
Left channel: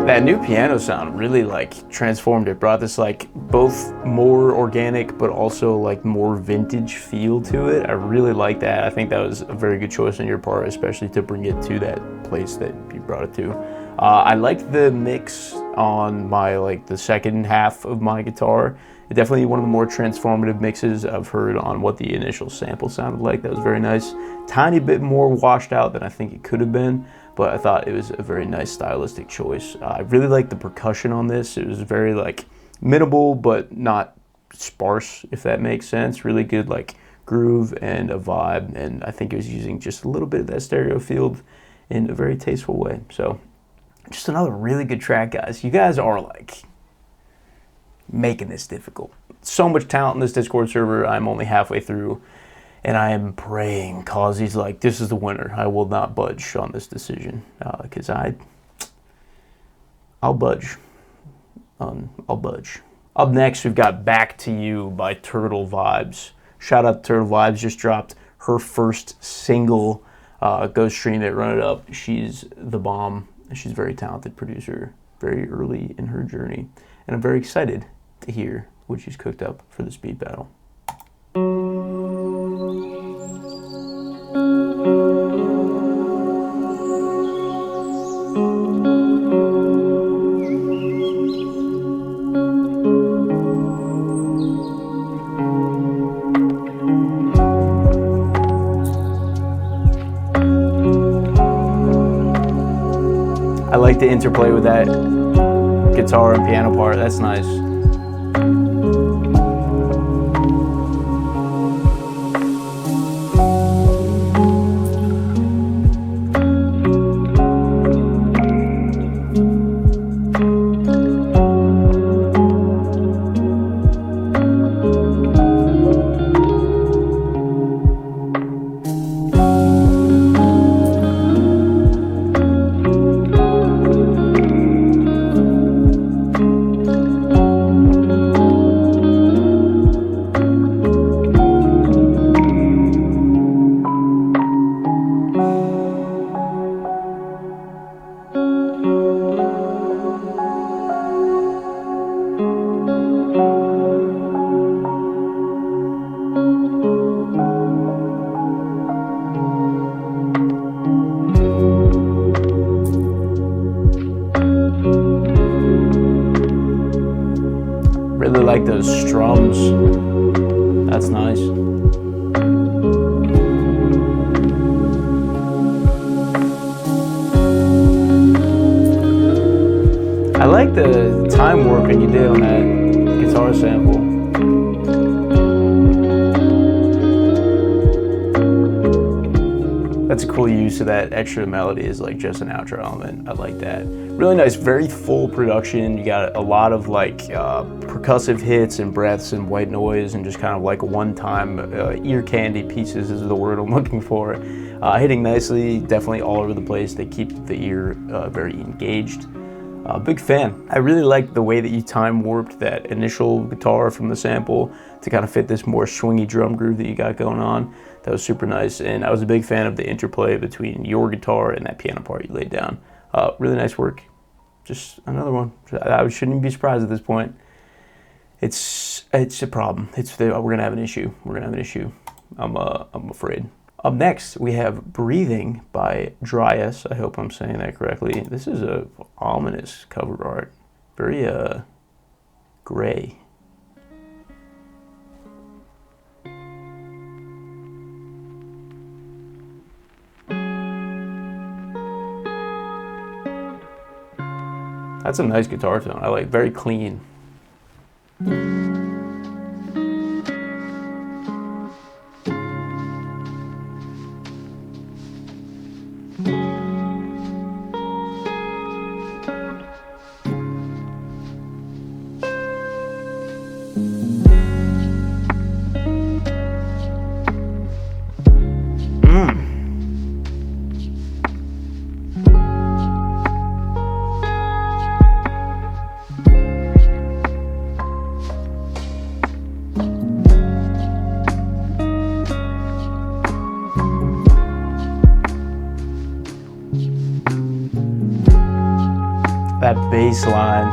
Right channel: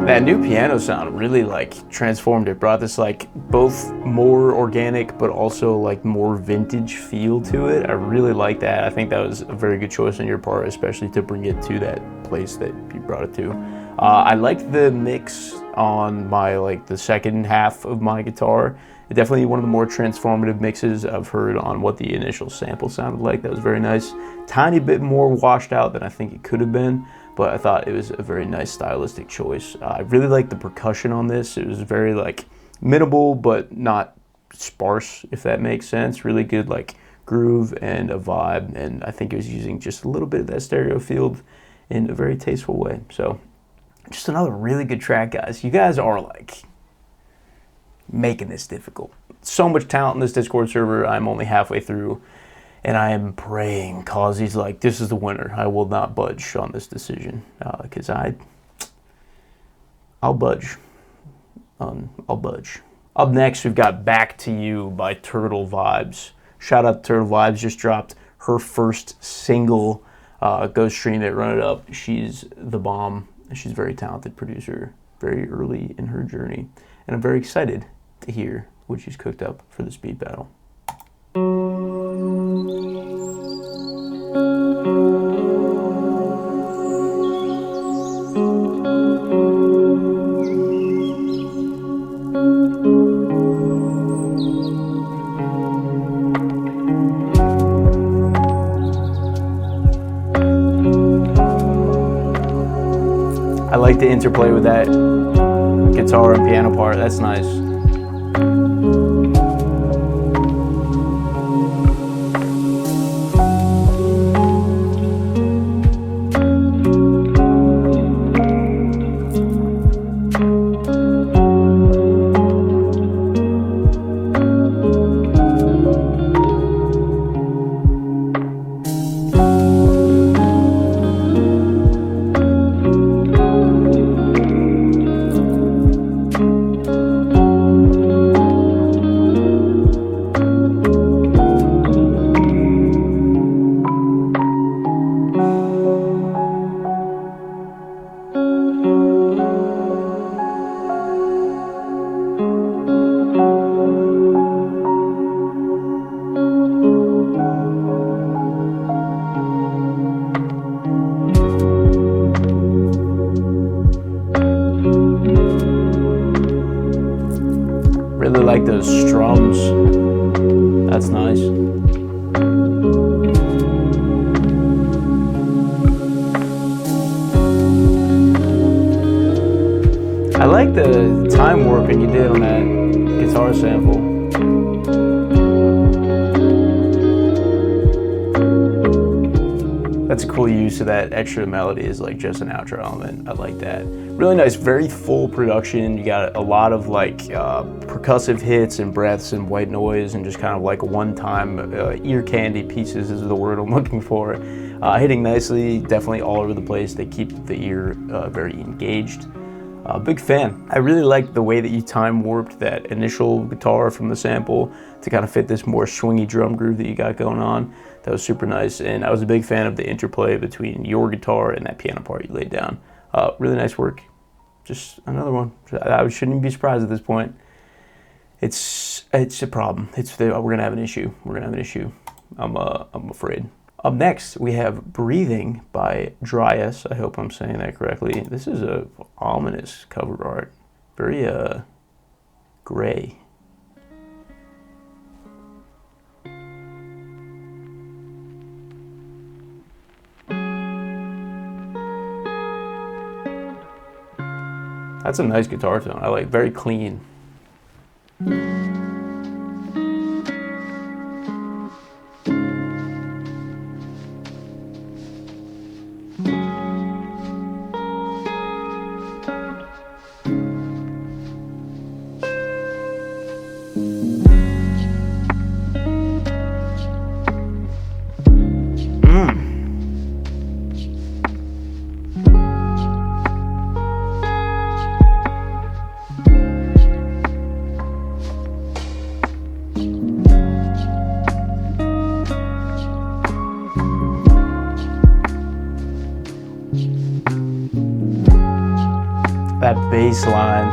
That new piano sound really like transformed it, brought this like both more organic but also like more vintage feel to it. I really like that. I think that was a very good choice on your part, especially to bring it to that place that you brought it to. I liked the mix on my the second half of my guitar. Definitely one of the more transformative mixes I've heard on what the initial sample sounded like. That was very nice. Tiny bit more washed out than I think it could have been, but I thought it was a very nice stylistic choice. I really like the percussion on this. It was very minimal, but not sparse, if that makes sense. Really good groove and a vibe, and I think it was using just a little bit of that stereo field in a very tasteful way. So just another really good track, guys. You guys are making this difficult. So much talent in this Discord server. I'm only halfway through, and I am praying Cauzy's this is the winner. I will not budge on this decision, because I'll budge. I'll budge. Up next, we've got Back to You by Turtle Vibes. Shout out to Turtle Vibes, just dropped her first single. Go stream it, run it up. She's the bomb. She's a very talented producer, very early in her journey, and I'm very excited to hear what she's cooked up for this beat battle. I like the interplay with that guitar and piano part. That's nice. Really like those strums. That's nice. I like the time warping you did on that guitar sample. That That's a cool use of that extra melody is like just an outro element. I like that. Really nice, very full production. You got a lot of like percussive hits and breaths and white noise and just kind of like one-time ear candy pieces is the word I'm looking for. Hitting nicely, definitely all over the place. They keep the ear very engaged. Big fan. I really like the way that you time warped that initial guitar from the sample to kind of fit this more swingy drum groove that you got going on. That was super nice, and I was a big fan of the interplay between your guitar and that piano part you laid down. Really nice work. Just another one. I shouldn't even be surprised at this point. It's a problem. We're gonna have an issue. We're gonna have an issue. I'm afraid. Up next, we have Breathing by Dryas. I hope I'm saying that correctly. This is a ominous cover art. Very gray. That's a nice guitar tone. I like, very clean. That bass line.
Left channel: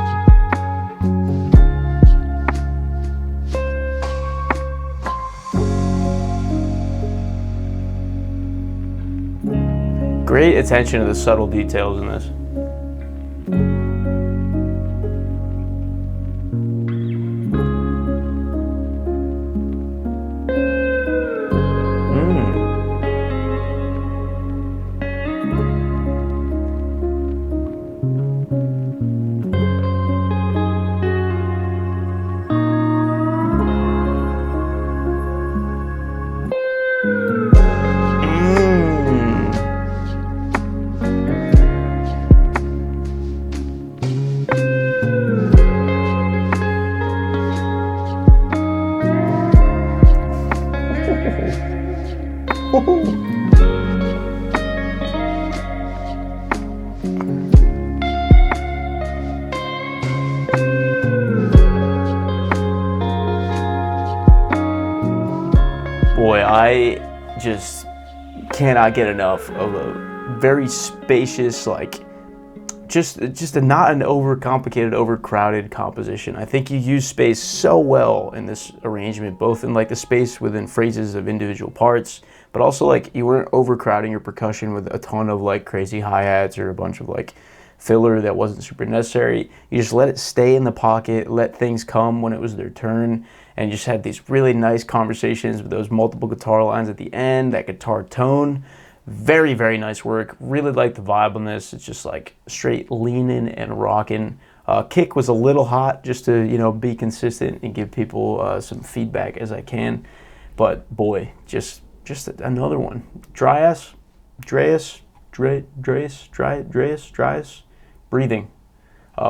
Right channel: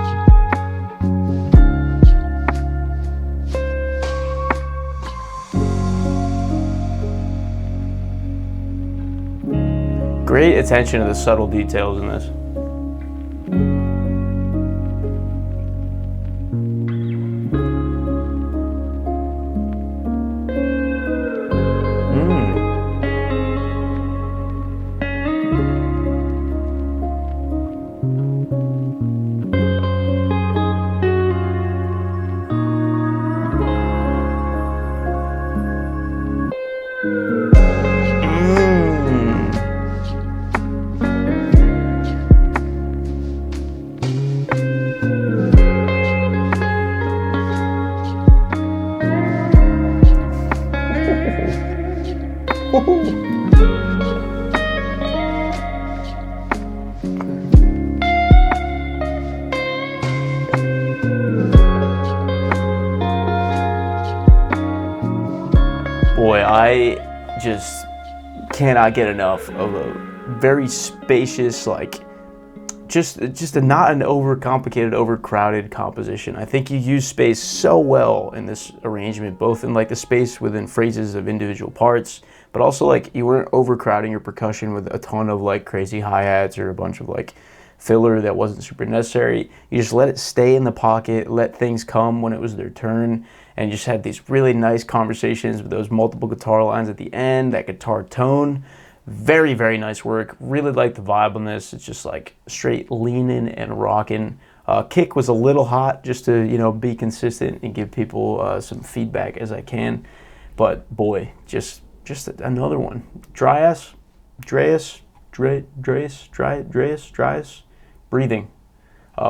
Great attention to the subtle details in this. Boy, I just cannot get enough of a very spacious, like, just not an overcomplicated, overcrowded composition. I think you use space so well in this arrangement, both in like the space within phrases of individual parts, but also like you weren't overcrowding your percussion with a ton of like crazy hi-hats or a bunch of like filler that wasn't super necessary. You just let it stay in the pocket, let things come when it was their turn, and just had these really nice conversations with those multiple guitar lines at the end, that guitar tone. Very, very nice work. Really like the vibe on this. It's just like straight leaning and rocking. Kick was a little hot just to, you know, be consistent and give people some feedback as I can. But boy, just another one. Dryas, Breathing.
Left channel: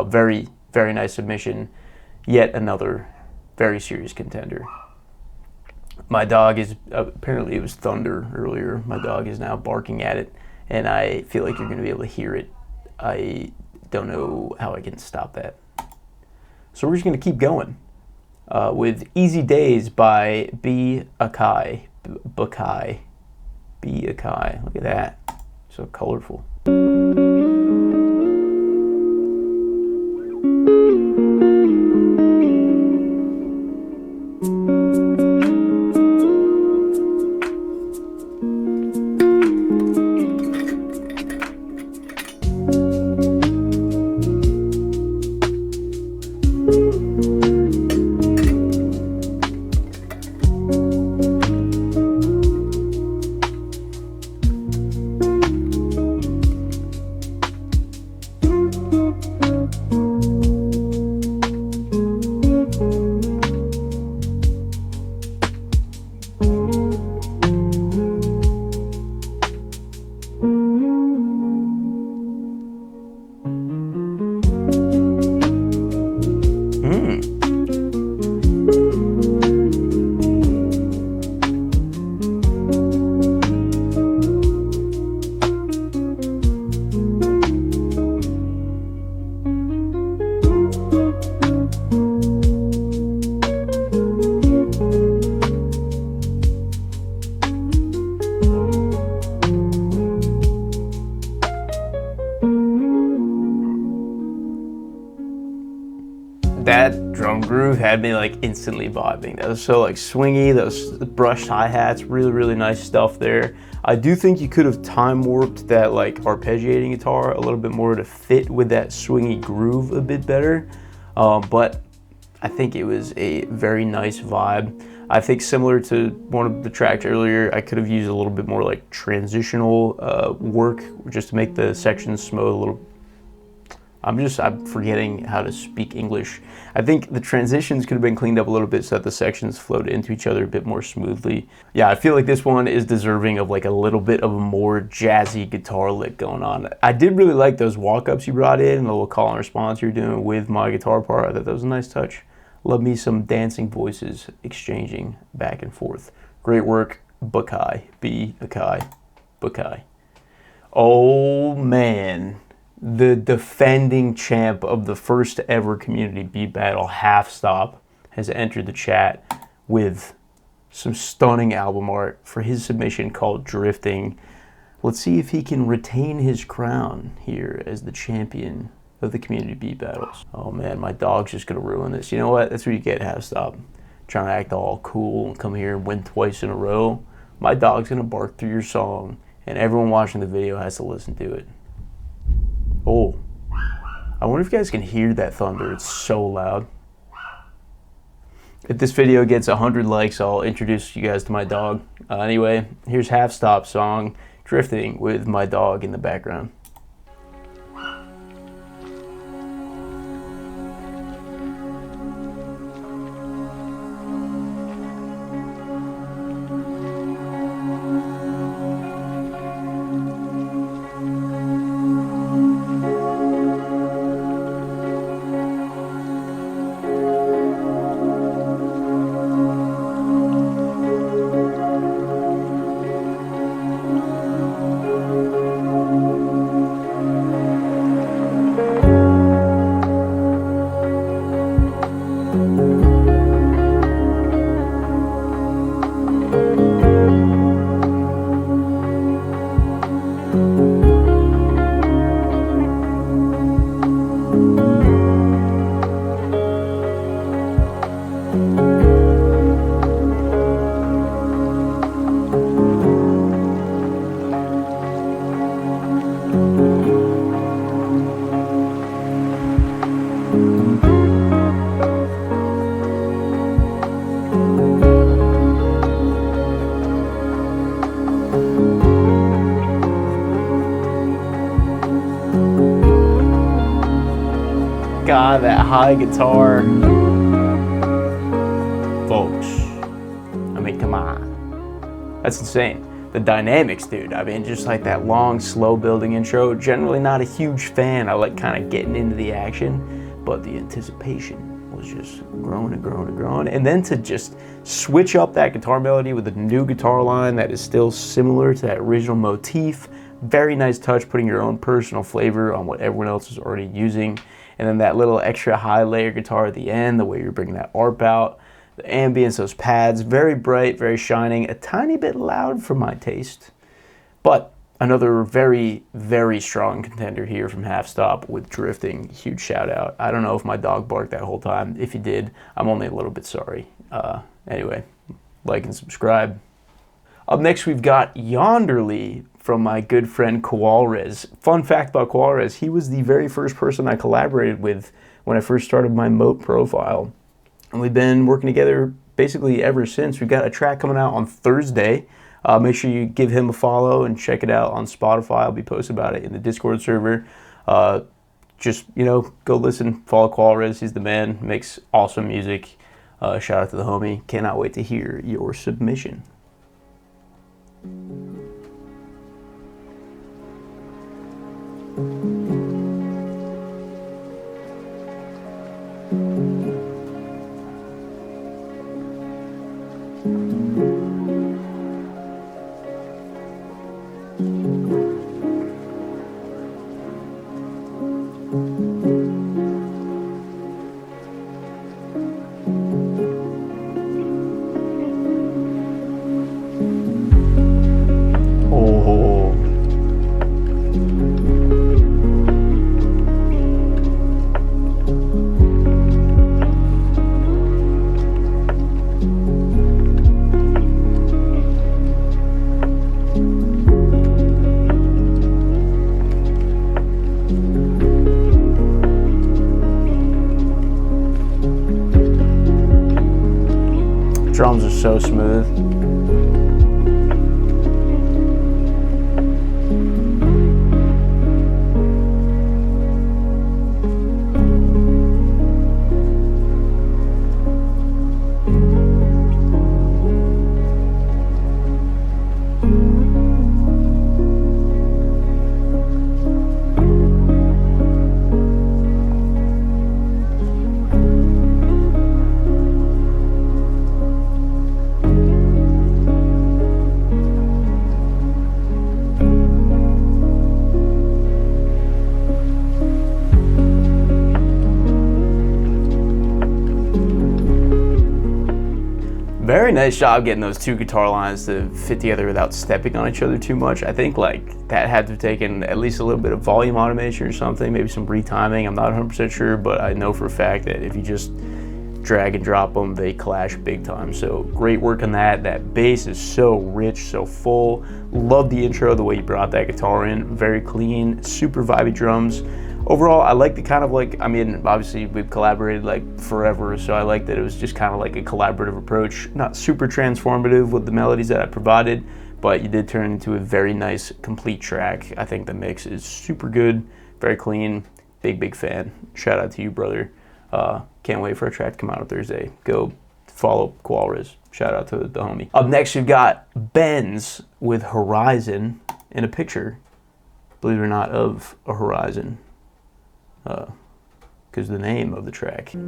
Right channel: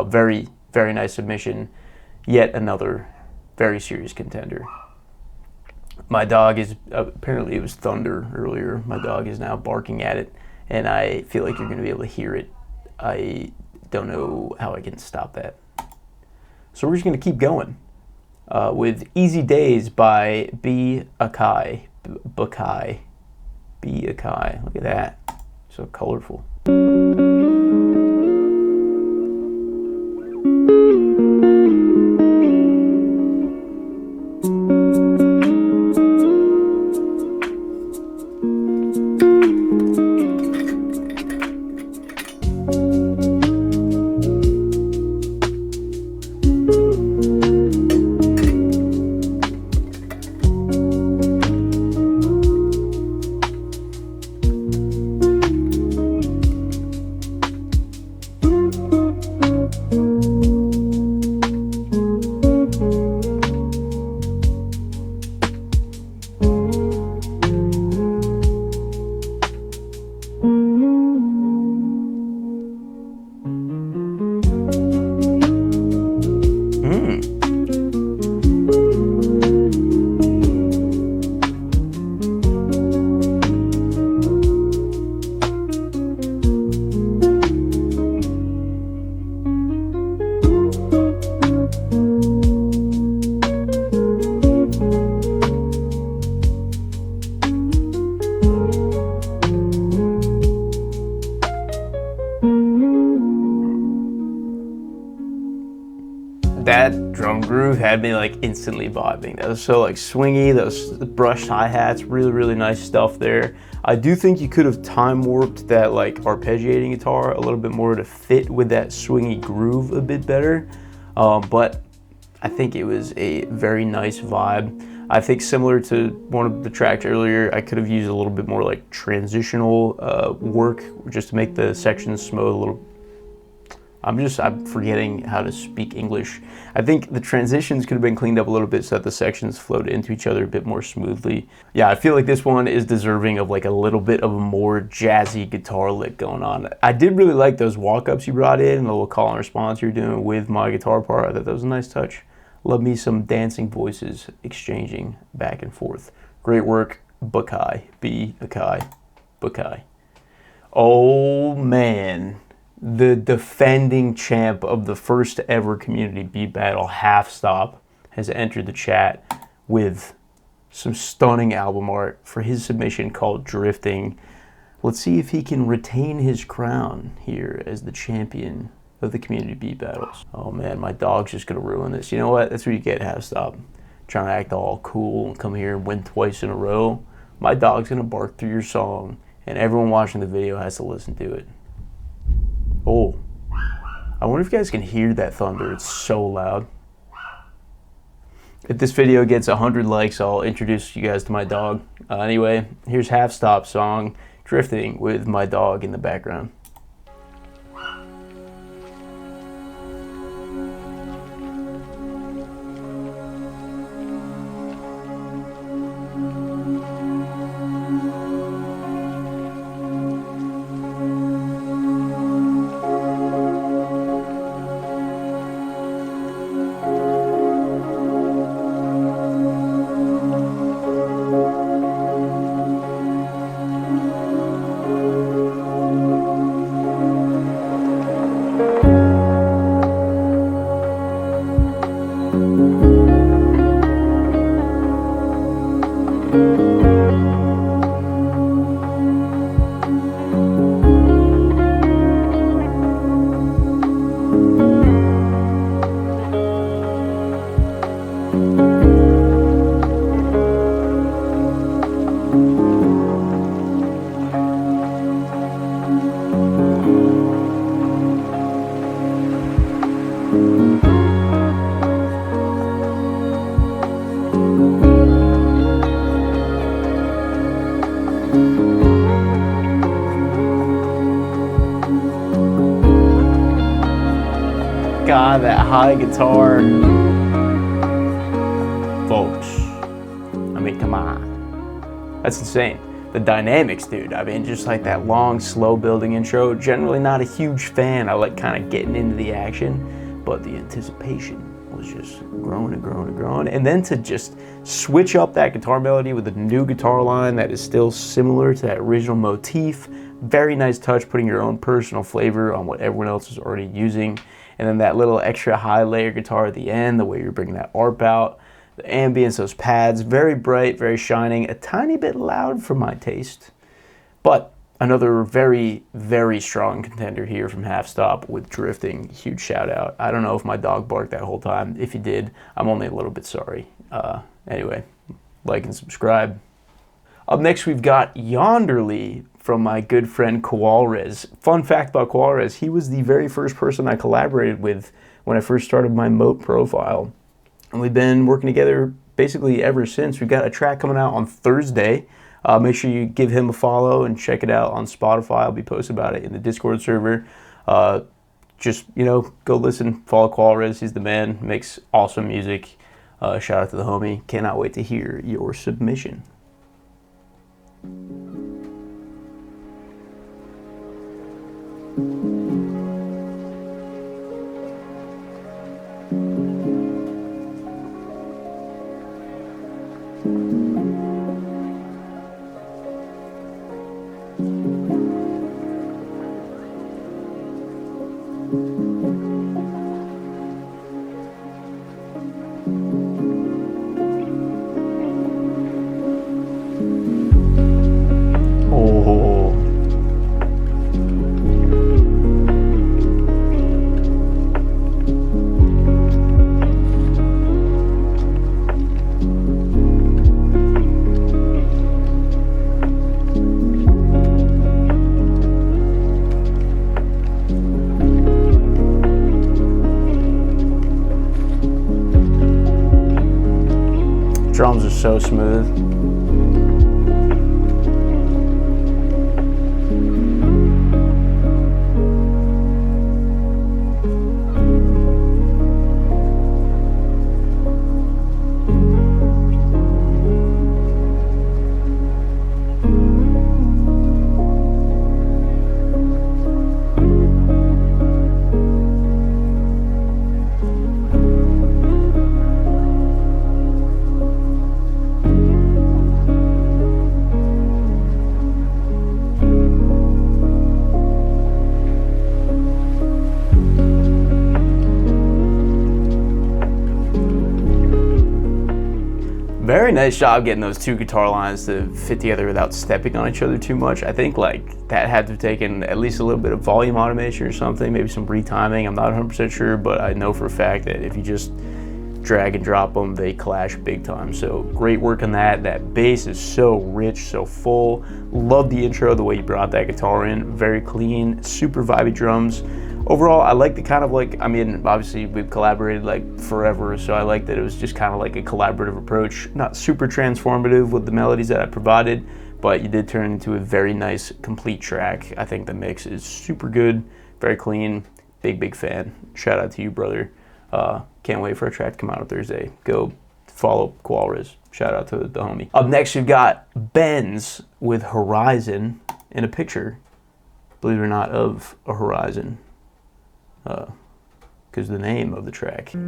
Very, very nice submission. Yet another very serious contender. My dog is, apparently it was thunder earlier. My dog is now barking at it, and I feel like you're going to be able to hear it. I don't know how I can stop that. So we're just going to keep going with Easy Days by b.akai. b.akai. Look at that. So colorful. groove had me like instantly vibing. That was so like swingy, those brushed hi-hats, really, really nice stuff there. I do think you could have time warped that like arpeggiating guitar a little bit more to fit with that swingy groove a bit better. But I think it was a very nice vibe. I think similar to one of the tracks earlier, I could have used a little bit more like transitional work just to make the sections smooth a little. I'm forgetting how to speak English. I think the transitions could have been cleaned up a little bit so that the sections flowed into each other a bit more smoothly. Yeah, I feel like this one is deserving of like a little bit of a more jazzy guitar lick going on. I did really like those walk-ups you brought in and the little call and response you're doing with my guitar part. I thought that was a nice touch. Love me some dancing voices exchanging back and forth. Great work, b.akai, b.akai, b.akai. Oh man. The defending champ of the first ever community beat battle, Halfstop, has entered the chat with some stunning album art for his submission called Drifting. Let's see if he can retain his crown here as the champion of the community beat battles. Oh man, my dog's just gonna ruin this. You know what? That's what you get, Halfstop. Trying to act all cool and come here and win twice in a row. My dog's gonna bark through your song, and everyone watching the video has to listen to it. Oh, I wonder if you guys can hear that thunder. It's so loud. If this video gets 100 likes, I'll introduce you guys to my dog. Anyway, here's Halfstop's song, Drifting, with my dog in the background. God, that high guitar. Folks, I mean, come on. That's insane. The dynamics, dude. I mean, just like that long, slow building intro. Generally not a huge fan. I like kind of getting into the action, but the anticipation was just growing and growing and growing. And then to just switch up that guitar melody with a new guitar line that is still similar to that original motif. Very nice touch, putting your own personal flavor on what everyone else is already using. And then that little extra high layer guitar at the end, the way you're bringing that ARP out, the ambience, those pads, very bright, very shining, a tiny bit loud for my taste. But another very, very strong contender here from Halfstop with Drifting. Huge shout out. I don't know if my dog barked that whole time. If he did, I'm only a little bit sorry. Anyway, like and subscribe. Up next, we've got Yonderly from my good friend Koalres. Fun fact about Koalres, he was the very first person I collaborated with when I first started my Moat profile. And we've been working together basically ever since. We've got a track coming out on Thursday. Make sure you give him a follow and check it out on Spotify. I'll be posting about it in the Discord server. Just, you know, go listen, follow Koalres. He's the man, makes awesome music. Shout out to the homie. Cannot wait to hear your submission. Oh. drums are so smooth. Very nice job getting those two guitar lines to fit together without stepping on each other too much. I think like that had to have taken at least a little bit of volume automation or something, maybe some retiming. I'm not 100% sure, but I know for a fact that if you just drag and drop them, they clash big time. So great work on that. That bass is so rich, so full. Love the intro, the way you brought that guitar in. Very clean, super vibey drums. Overall, I like the kind of like, I mean, obviously we've collaborated like forever, so I like that it was just kind of like a collaborative approach. Not super transformative with the melodies that I provided, but you did turn into a very nice, complete track. I think the mix is super good, very clean, big fan. Shout out to you, brother. Can't wait for a track to come out on Thursday. Go follow Koalres. Shout out to the homie. Up next, we've got Benz with Horizon in a picture, believe it or not, of a horizon. Because the name of the track. Ooh.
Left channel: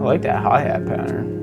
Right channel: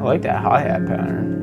I like that hi-hat pattern.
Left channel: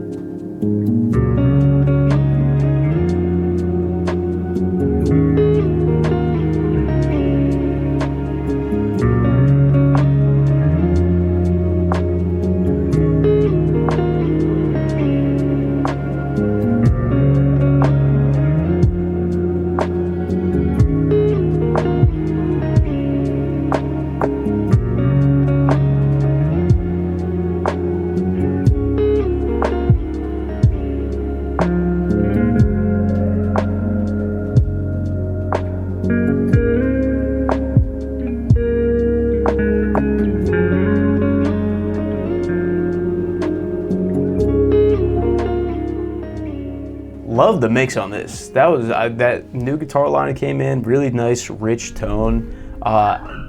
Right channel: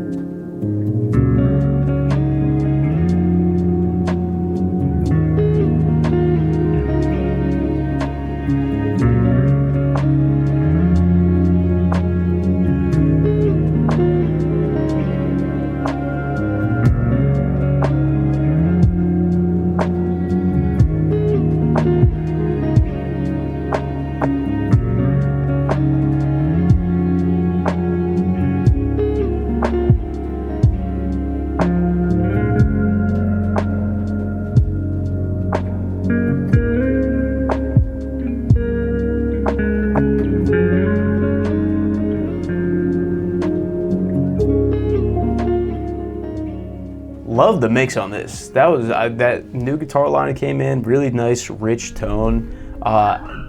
Love the mix on this. That was that new guitar line that came in, really nice, rich tone.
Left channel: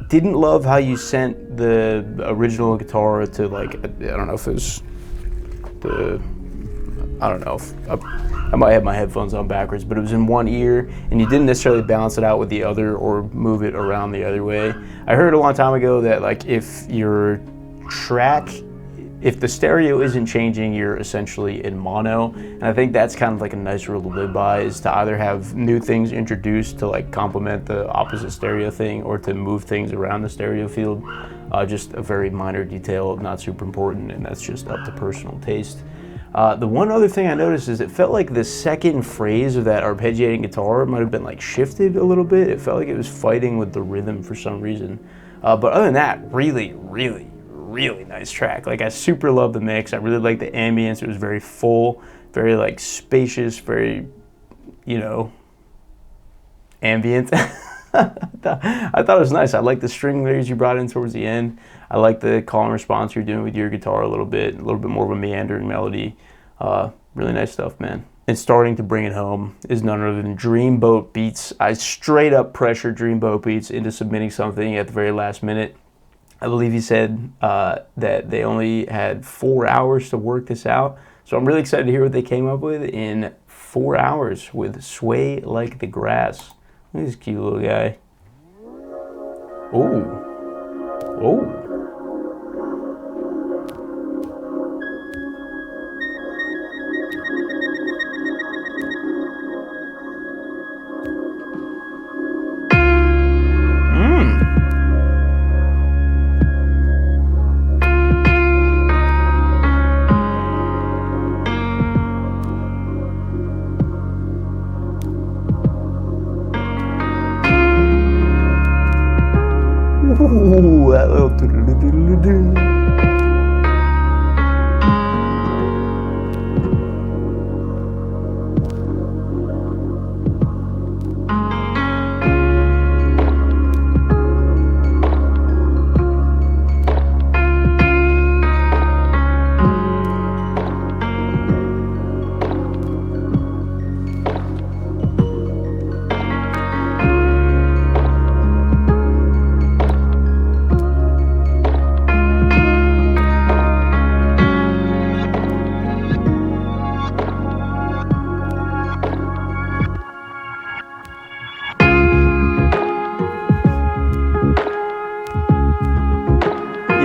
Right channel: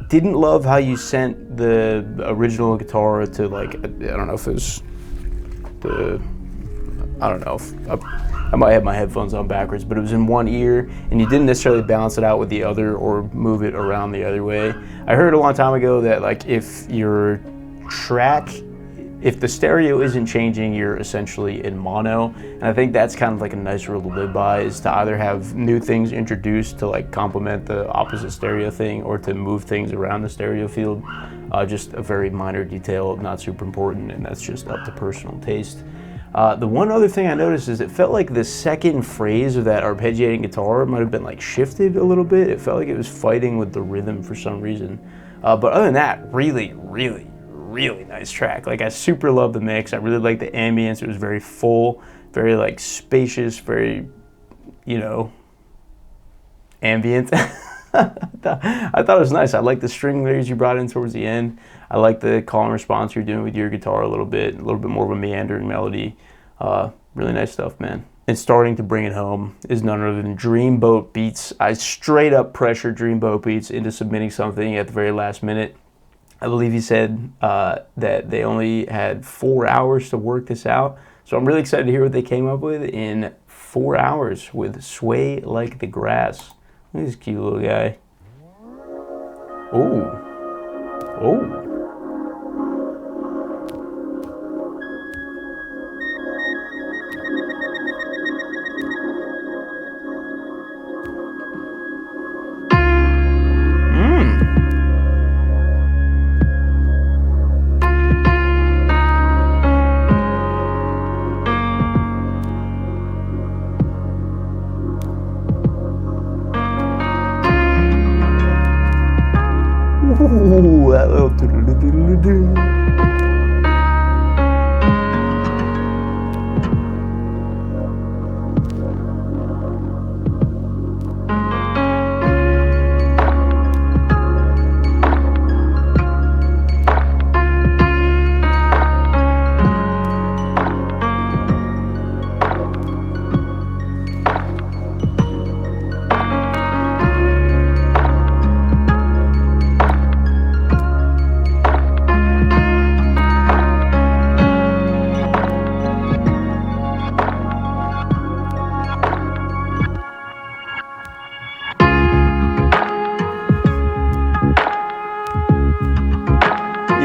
Didn't love how you sent the original guitar to like, I don't know if it was the, I don't know, I might have my headphones on backwards, but it was in one ear, and you didn't necessarily balance it out with the other or move it around the other way. I heard a long time ago that like if your track, if the stereo isn't changing, you're essentially in mono. And I think that's kind of like a nice rule to live by, is to either have new things introduced to like complement the opposite stereo thing, or to move things around the stereo field. Just a very minor detail, not super important, and that's just up to personal taste. The one other thing I noticed is it felt like the second phrase of that arpeggiating guitar might have been like shifted a little bit. It felt like it was fighting with the rhythm for some reason. But other than that, really nice track. Like I super love the mix. I really like the ambience. It was very full, very like spacious, very, you know, ambient. I thought it was nice. I like the string layers you brought in towards the end. I like the call and response you're doing with your guitar a little bit more of a meandering melody. Really nice stuff, man. And starting to bring it home is none other than Dreamboat Beatz. I straight up pressured Dreamboat Beatz into submitting something at the very last minute. I believe he said that they only had 4 hours to work this out. So I'm really excited to hear what they came up with in 4 hours with Sway Like the Grass. Look at this cute little guy. Oh. Oh. Ooh, that little doo-doo-doo-doo-doo.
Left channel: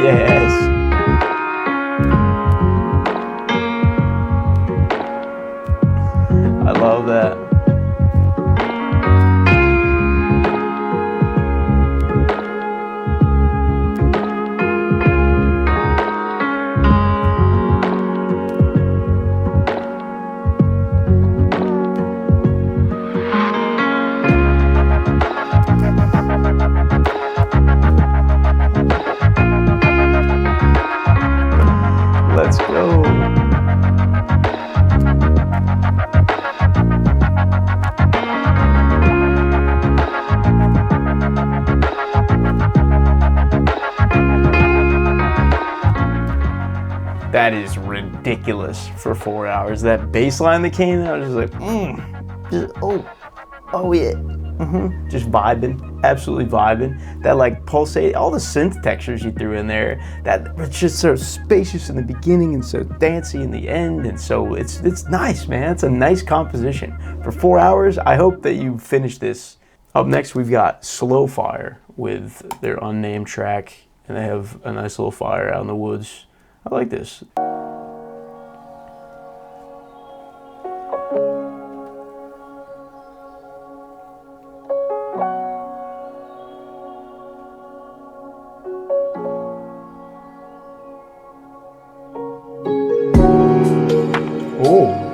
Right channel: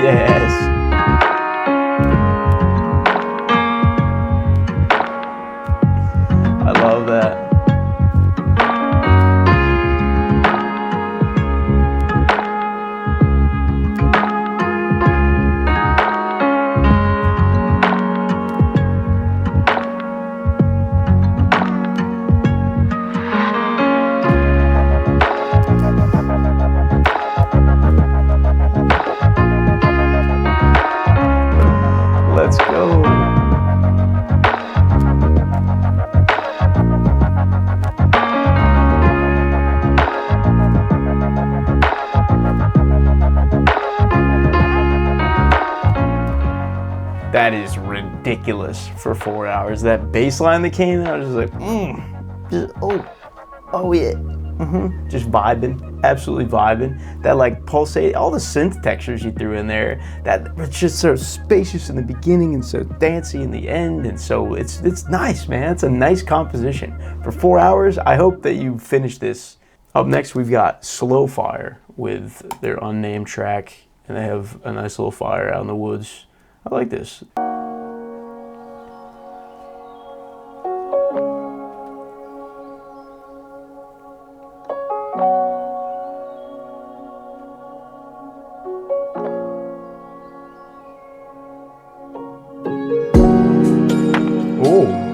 Yes. I love that. Let's go. That is ridiculous for 4 hours. That bass line that came out, I was just like, just, oh yeah. Just vibing, absolutely vibing. That like pulsate, all the synth textures you threw in there. That it's just so spacious in the beginning and so dancey in the end, and so it's nice, man. It's a nice composition for 4 hours. I hope that you finish this. Up next, we've got Slow Fire with their unnamed track, and they have a nice little fire out in the woods. I like this. Oh.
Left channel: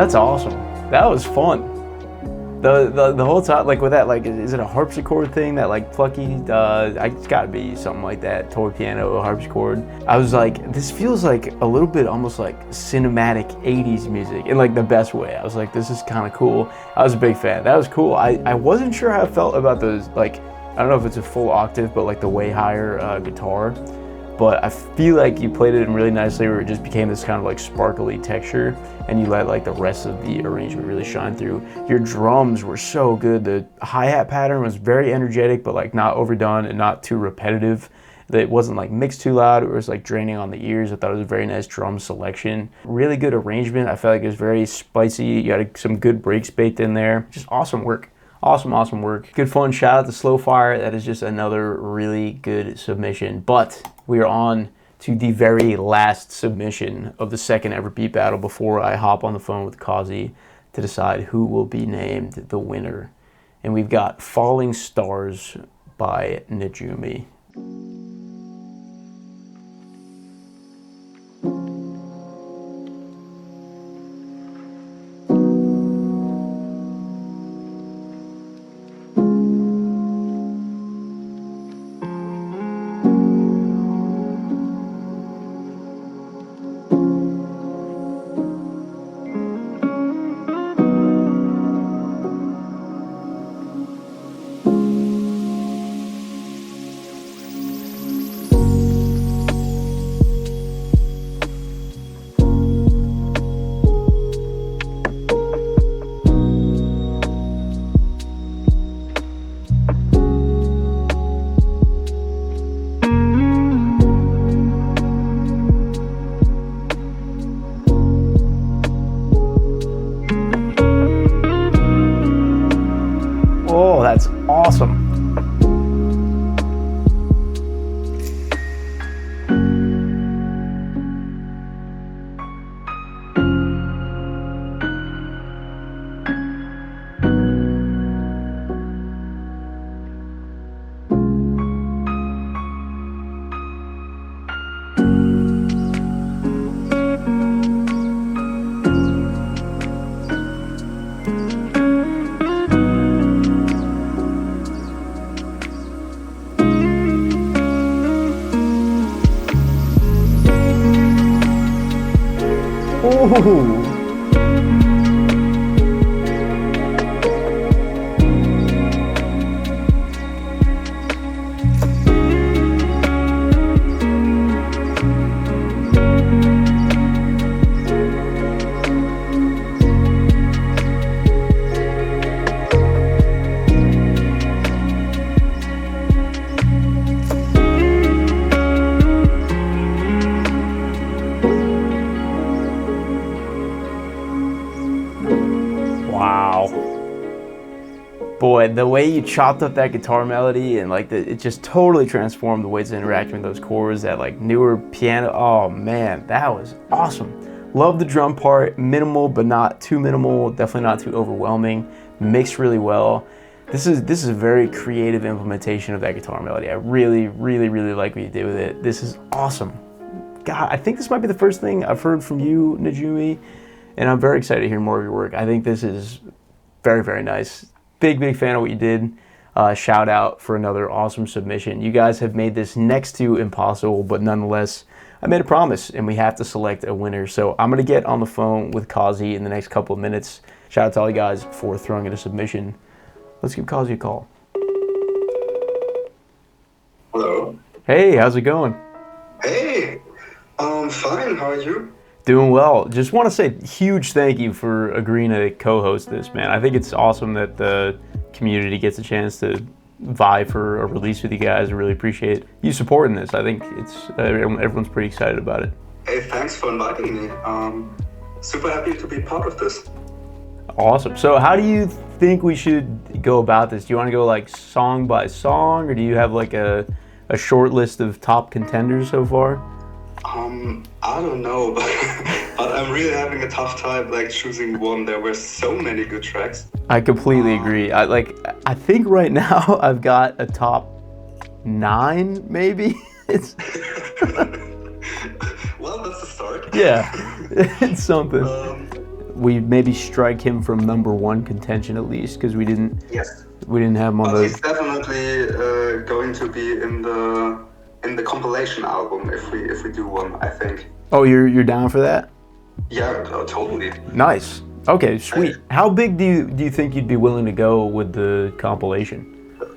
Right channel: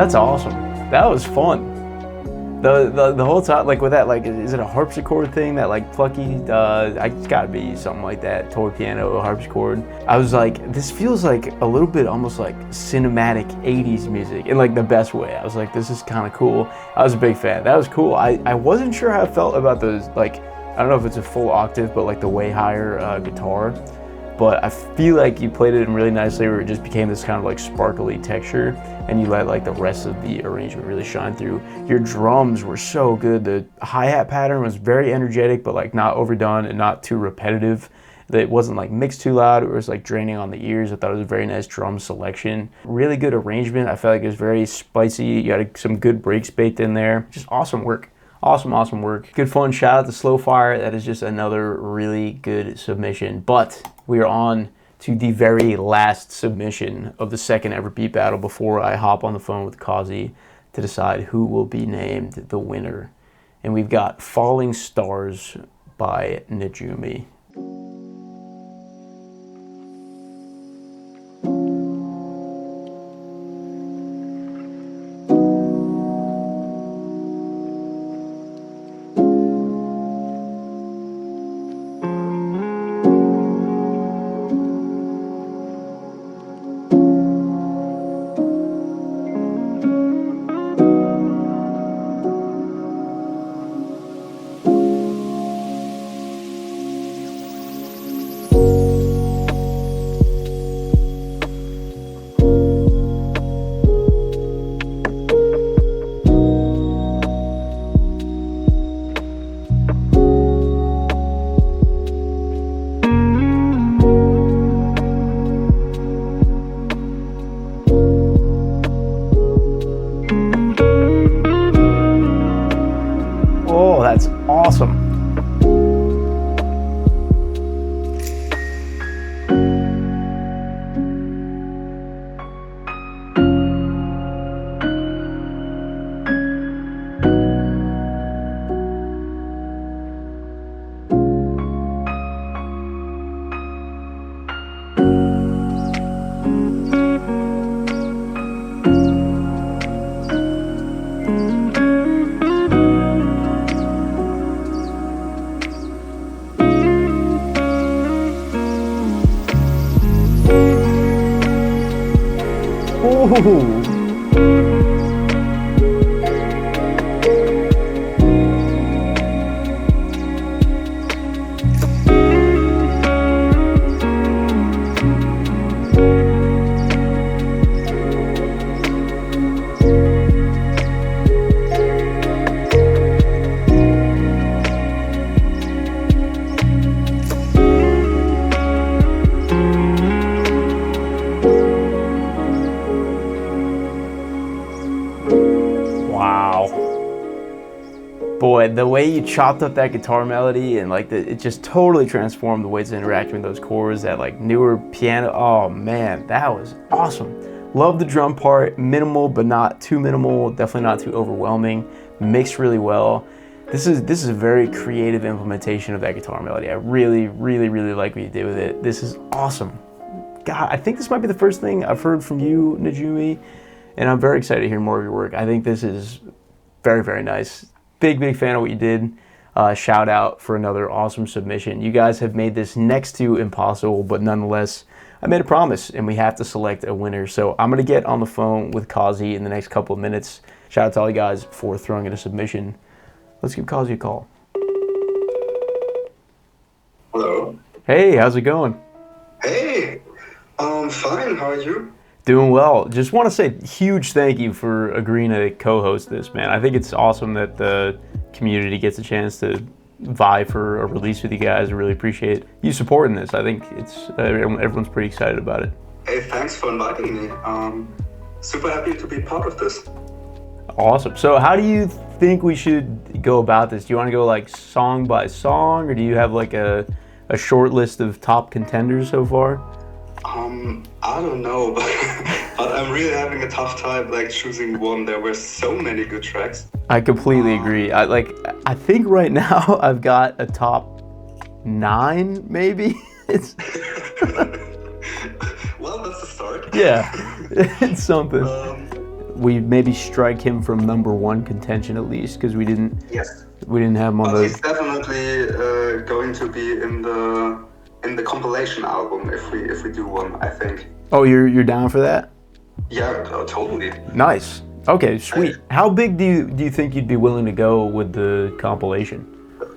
That's awesome. That was fun. The whole time, like with that, like, is it a harpsichord thing? That like plucky, it's gotta be something like that, toy piano, harpsichord. I was like, this feels like a little bit almost like cinematic 80s music in like the best way. I was like, this is kind of cool. I was a big fan. That was cool. I wasn't sure how I felt about those, like, I don't know if it's a full octave, but like the way higher guitar. But I feel like you played it in really nicely where it just became this kind of like sparkly texture, and you let like the rest of the arrangement really shine through. Your drums were so good. The hi-hat pattern was very energetic, but like not overdone and not too repetitive. It wasn't like mixed too loud. It was like draining on the ears. I thought it was a very nice drum selection. Really good arrangement. I felt like it was very spicy. You got some good breaks baked in there. Just awesome work. Awesome work. Good fun. Shout out to Slow Fire. That is just another really good submission. But we are on to the very last submission of the second ever beat battle before I hop on the phone with Cauzy to decide who will be named the winner. And we've got Falling Stars by Najumi. awesome. Ooh. Wow. Boy, the way you chopped up that guitar melody and like it just totally transformed the way it's interacting with those chords, that like newer piano. Oh man, that was awesome. Love the drum part, minimal but not too minimal, definitely not too overwhelming, mixed really well. This is a very creative implementation of that guitar melody. I really like what you did with it. This is awesome. God, I think this might be the first thing I've heard from you, Najumi, and I'm very excited to hear more of your work. I think this is very nice. Big fan of what you did. Shout out for another awesome submission. You guys have made this next to impossible, but nonetheless, I made a promise and we have to select a winner. So I'm gonna get on the phone with Cauzy in the next couple of minutes. Shout out to all you guys for throwing in a submission. Let's give Cauzy a call. Hello. Hey, how's it going? Hey, fine, how are you? Doing well. Just want to say huge thank you for agreeing to co-host this, man. I think it's awesome that the community gets a chance to vie for a release with you guys. I really appreciate you supporting this. I think it's everyone's pretty excited about it. Hey, thanks for inviting me. Super happy to be part of this. Awesome. So how do you think we should go about this? Do you want to go like song by song, or do you have like a short list of top contenders so far? I don't know, but I'm really having a tough time like choosing one. There were so many good tracks. I completely agree. I think right now I've got a top 9 maybe. It's Well, that's a start. yeah, it's something. We maybe strike him from #1 contention at least, because we didn't have him on the. He's definitely going to be in the compilation album if we do one, I think. Oh, you're down for that? Yeah, totally. Nice. Okay, sweet. How big do you think you'd be willing to go with the compilation?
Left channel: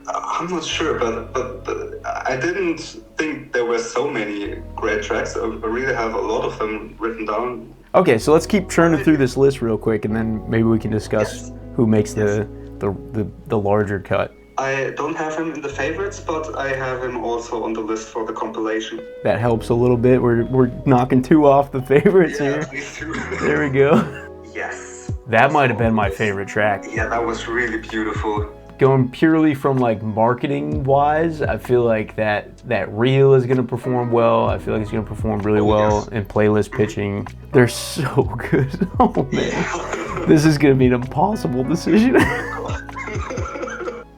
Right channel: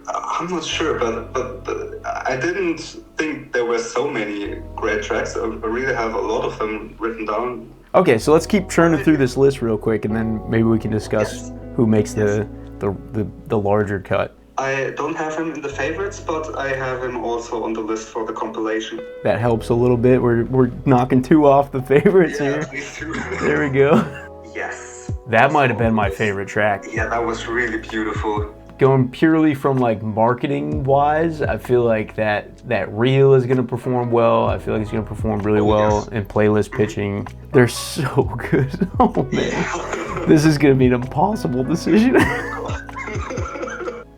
I'm not sure, but I didn't think there were so many great tracks. I really have a lot of them written down. Okay, so let's keep churning through this list real quick, and then maybe we can discuss who makes the larger cut. I don't have him in the favorites, but I have him also on the list for the compilation. That helps a little bit. We're knocking 2 off the favorites here. Please do. There we go. Yes. That might have been my favorite track. Yeah, that was really beautiful. Going purely from like marketing wise, I feel like that reel is gonna perform well. I feel like it's gonna perform really well in playlist pitching. They're so good. Oh man, this is gonna be an impossible decision.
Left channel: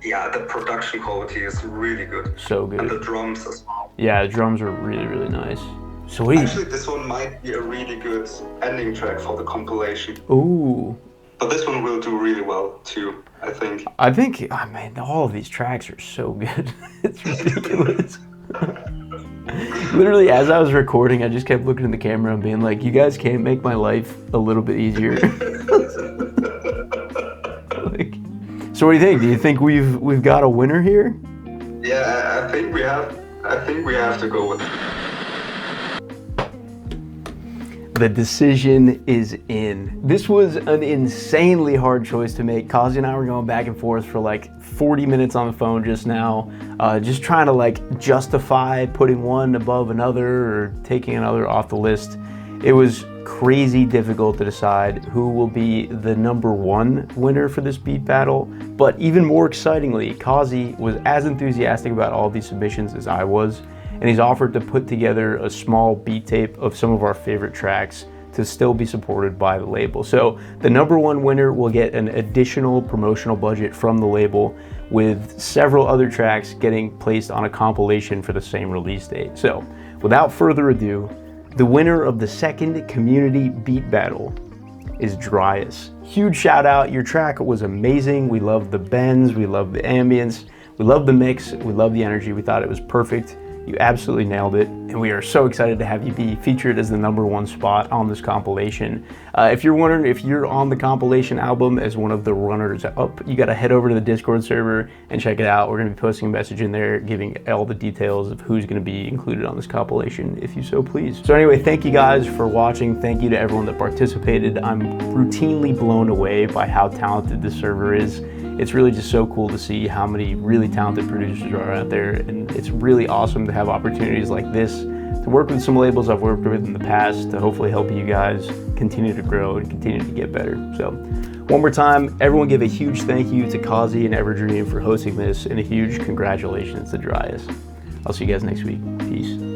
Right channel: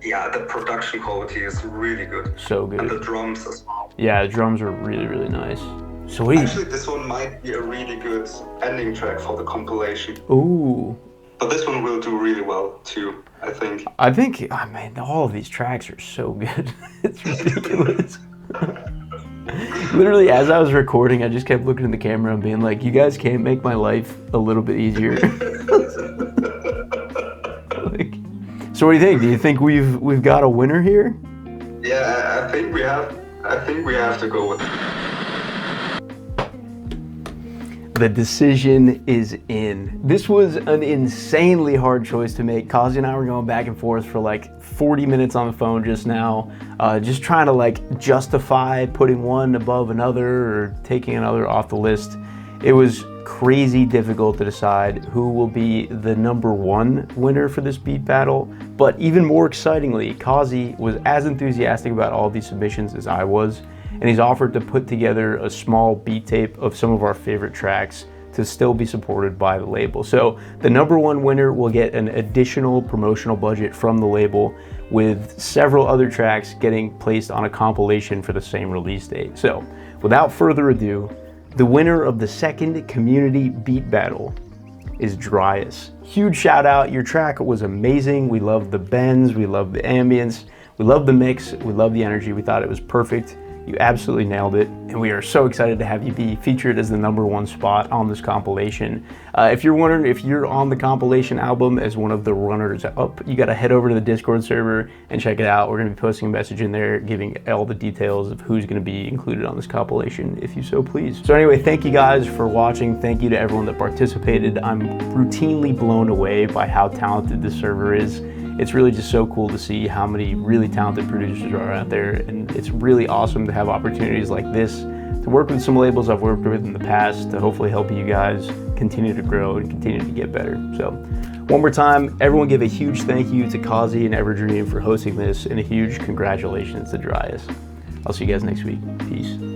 Yeah, the production quality is really good. So good. And the drums as well. Yeah, the drums are really nice. Sweet. Actually, this one might be a really good ending track for the compilation. Ooh. But this one will do really well too, I think. I mean, all of these tracks are so good. It's ridiculous. Literally, as I was recording, I just kept looking at the camera and being like, you guys can't make my life a little bit easier. So what do you think? Do you think we've got a winner here? Yeah, I think we have to go with it. The decision is in. This was an insanely hard choice to make. Cauzy and I were going back and forth for like 40 minutes on the phone just now, just trying to like justify putting one above another or taking another off the list. It was crazy difficult to decide who will be the #1 winner for this beat battle, but even more excitingly, Cauzy was as enthusiastic about all these submissions as I was, and he's offered to put together a small beat tape of some of our favorite tracks to still be supported by the label. So the #1 winner will get an additional promotional budget from the label, with several other tracks getting placed on a compilation for the same release date. So without further ado, the winner of the second community beat battle is Dryas. Huge shout out, your track was amazing. We loved the bends, we loved the ambience, we loved the mix, we loved the energy. We thought it was perfect. You absolutely nailed it, and we are so excited to have you be featured as the #1 spot on this compilation. If you're wondering if you're on the compilation album as one of the runners up, you gotta head over to the Discord server and check it out. We're gonna be posting a message in there giving all the details of who's gonna be included on this compilation, if you so please. So anyway, thank you guys for watching. Thank you to everyone that participated. I'm routinely blown away by how talented this server is. It's really just so cool to see how many really talented producers are out there, and it's really awesome to have opportunities like this to work with some labels I've worked with in the past to hopefully help you guys continue to grow and continue to get better. So one more time, everyone give a huge thank you to Cauzy and EverDream for hosting this, and a huge congratulations to Dryas. I'll see you guys next week. Peace.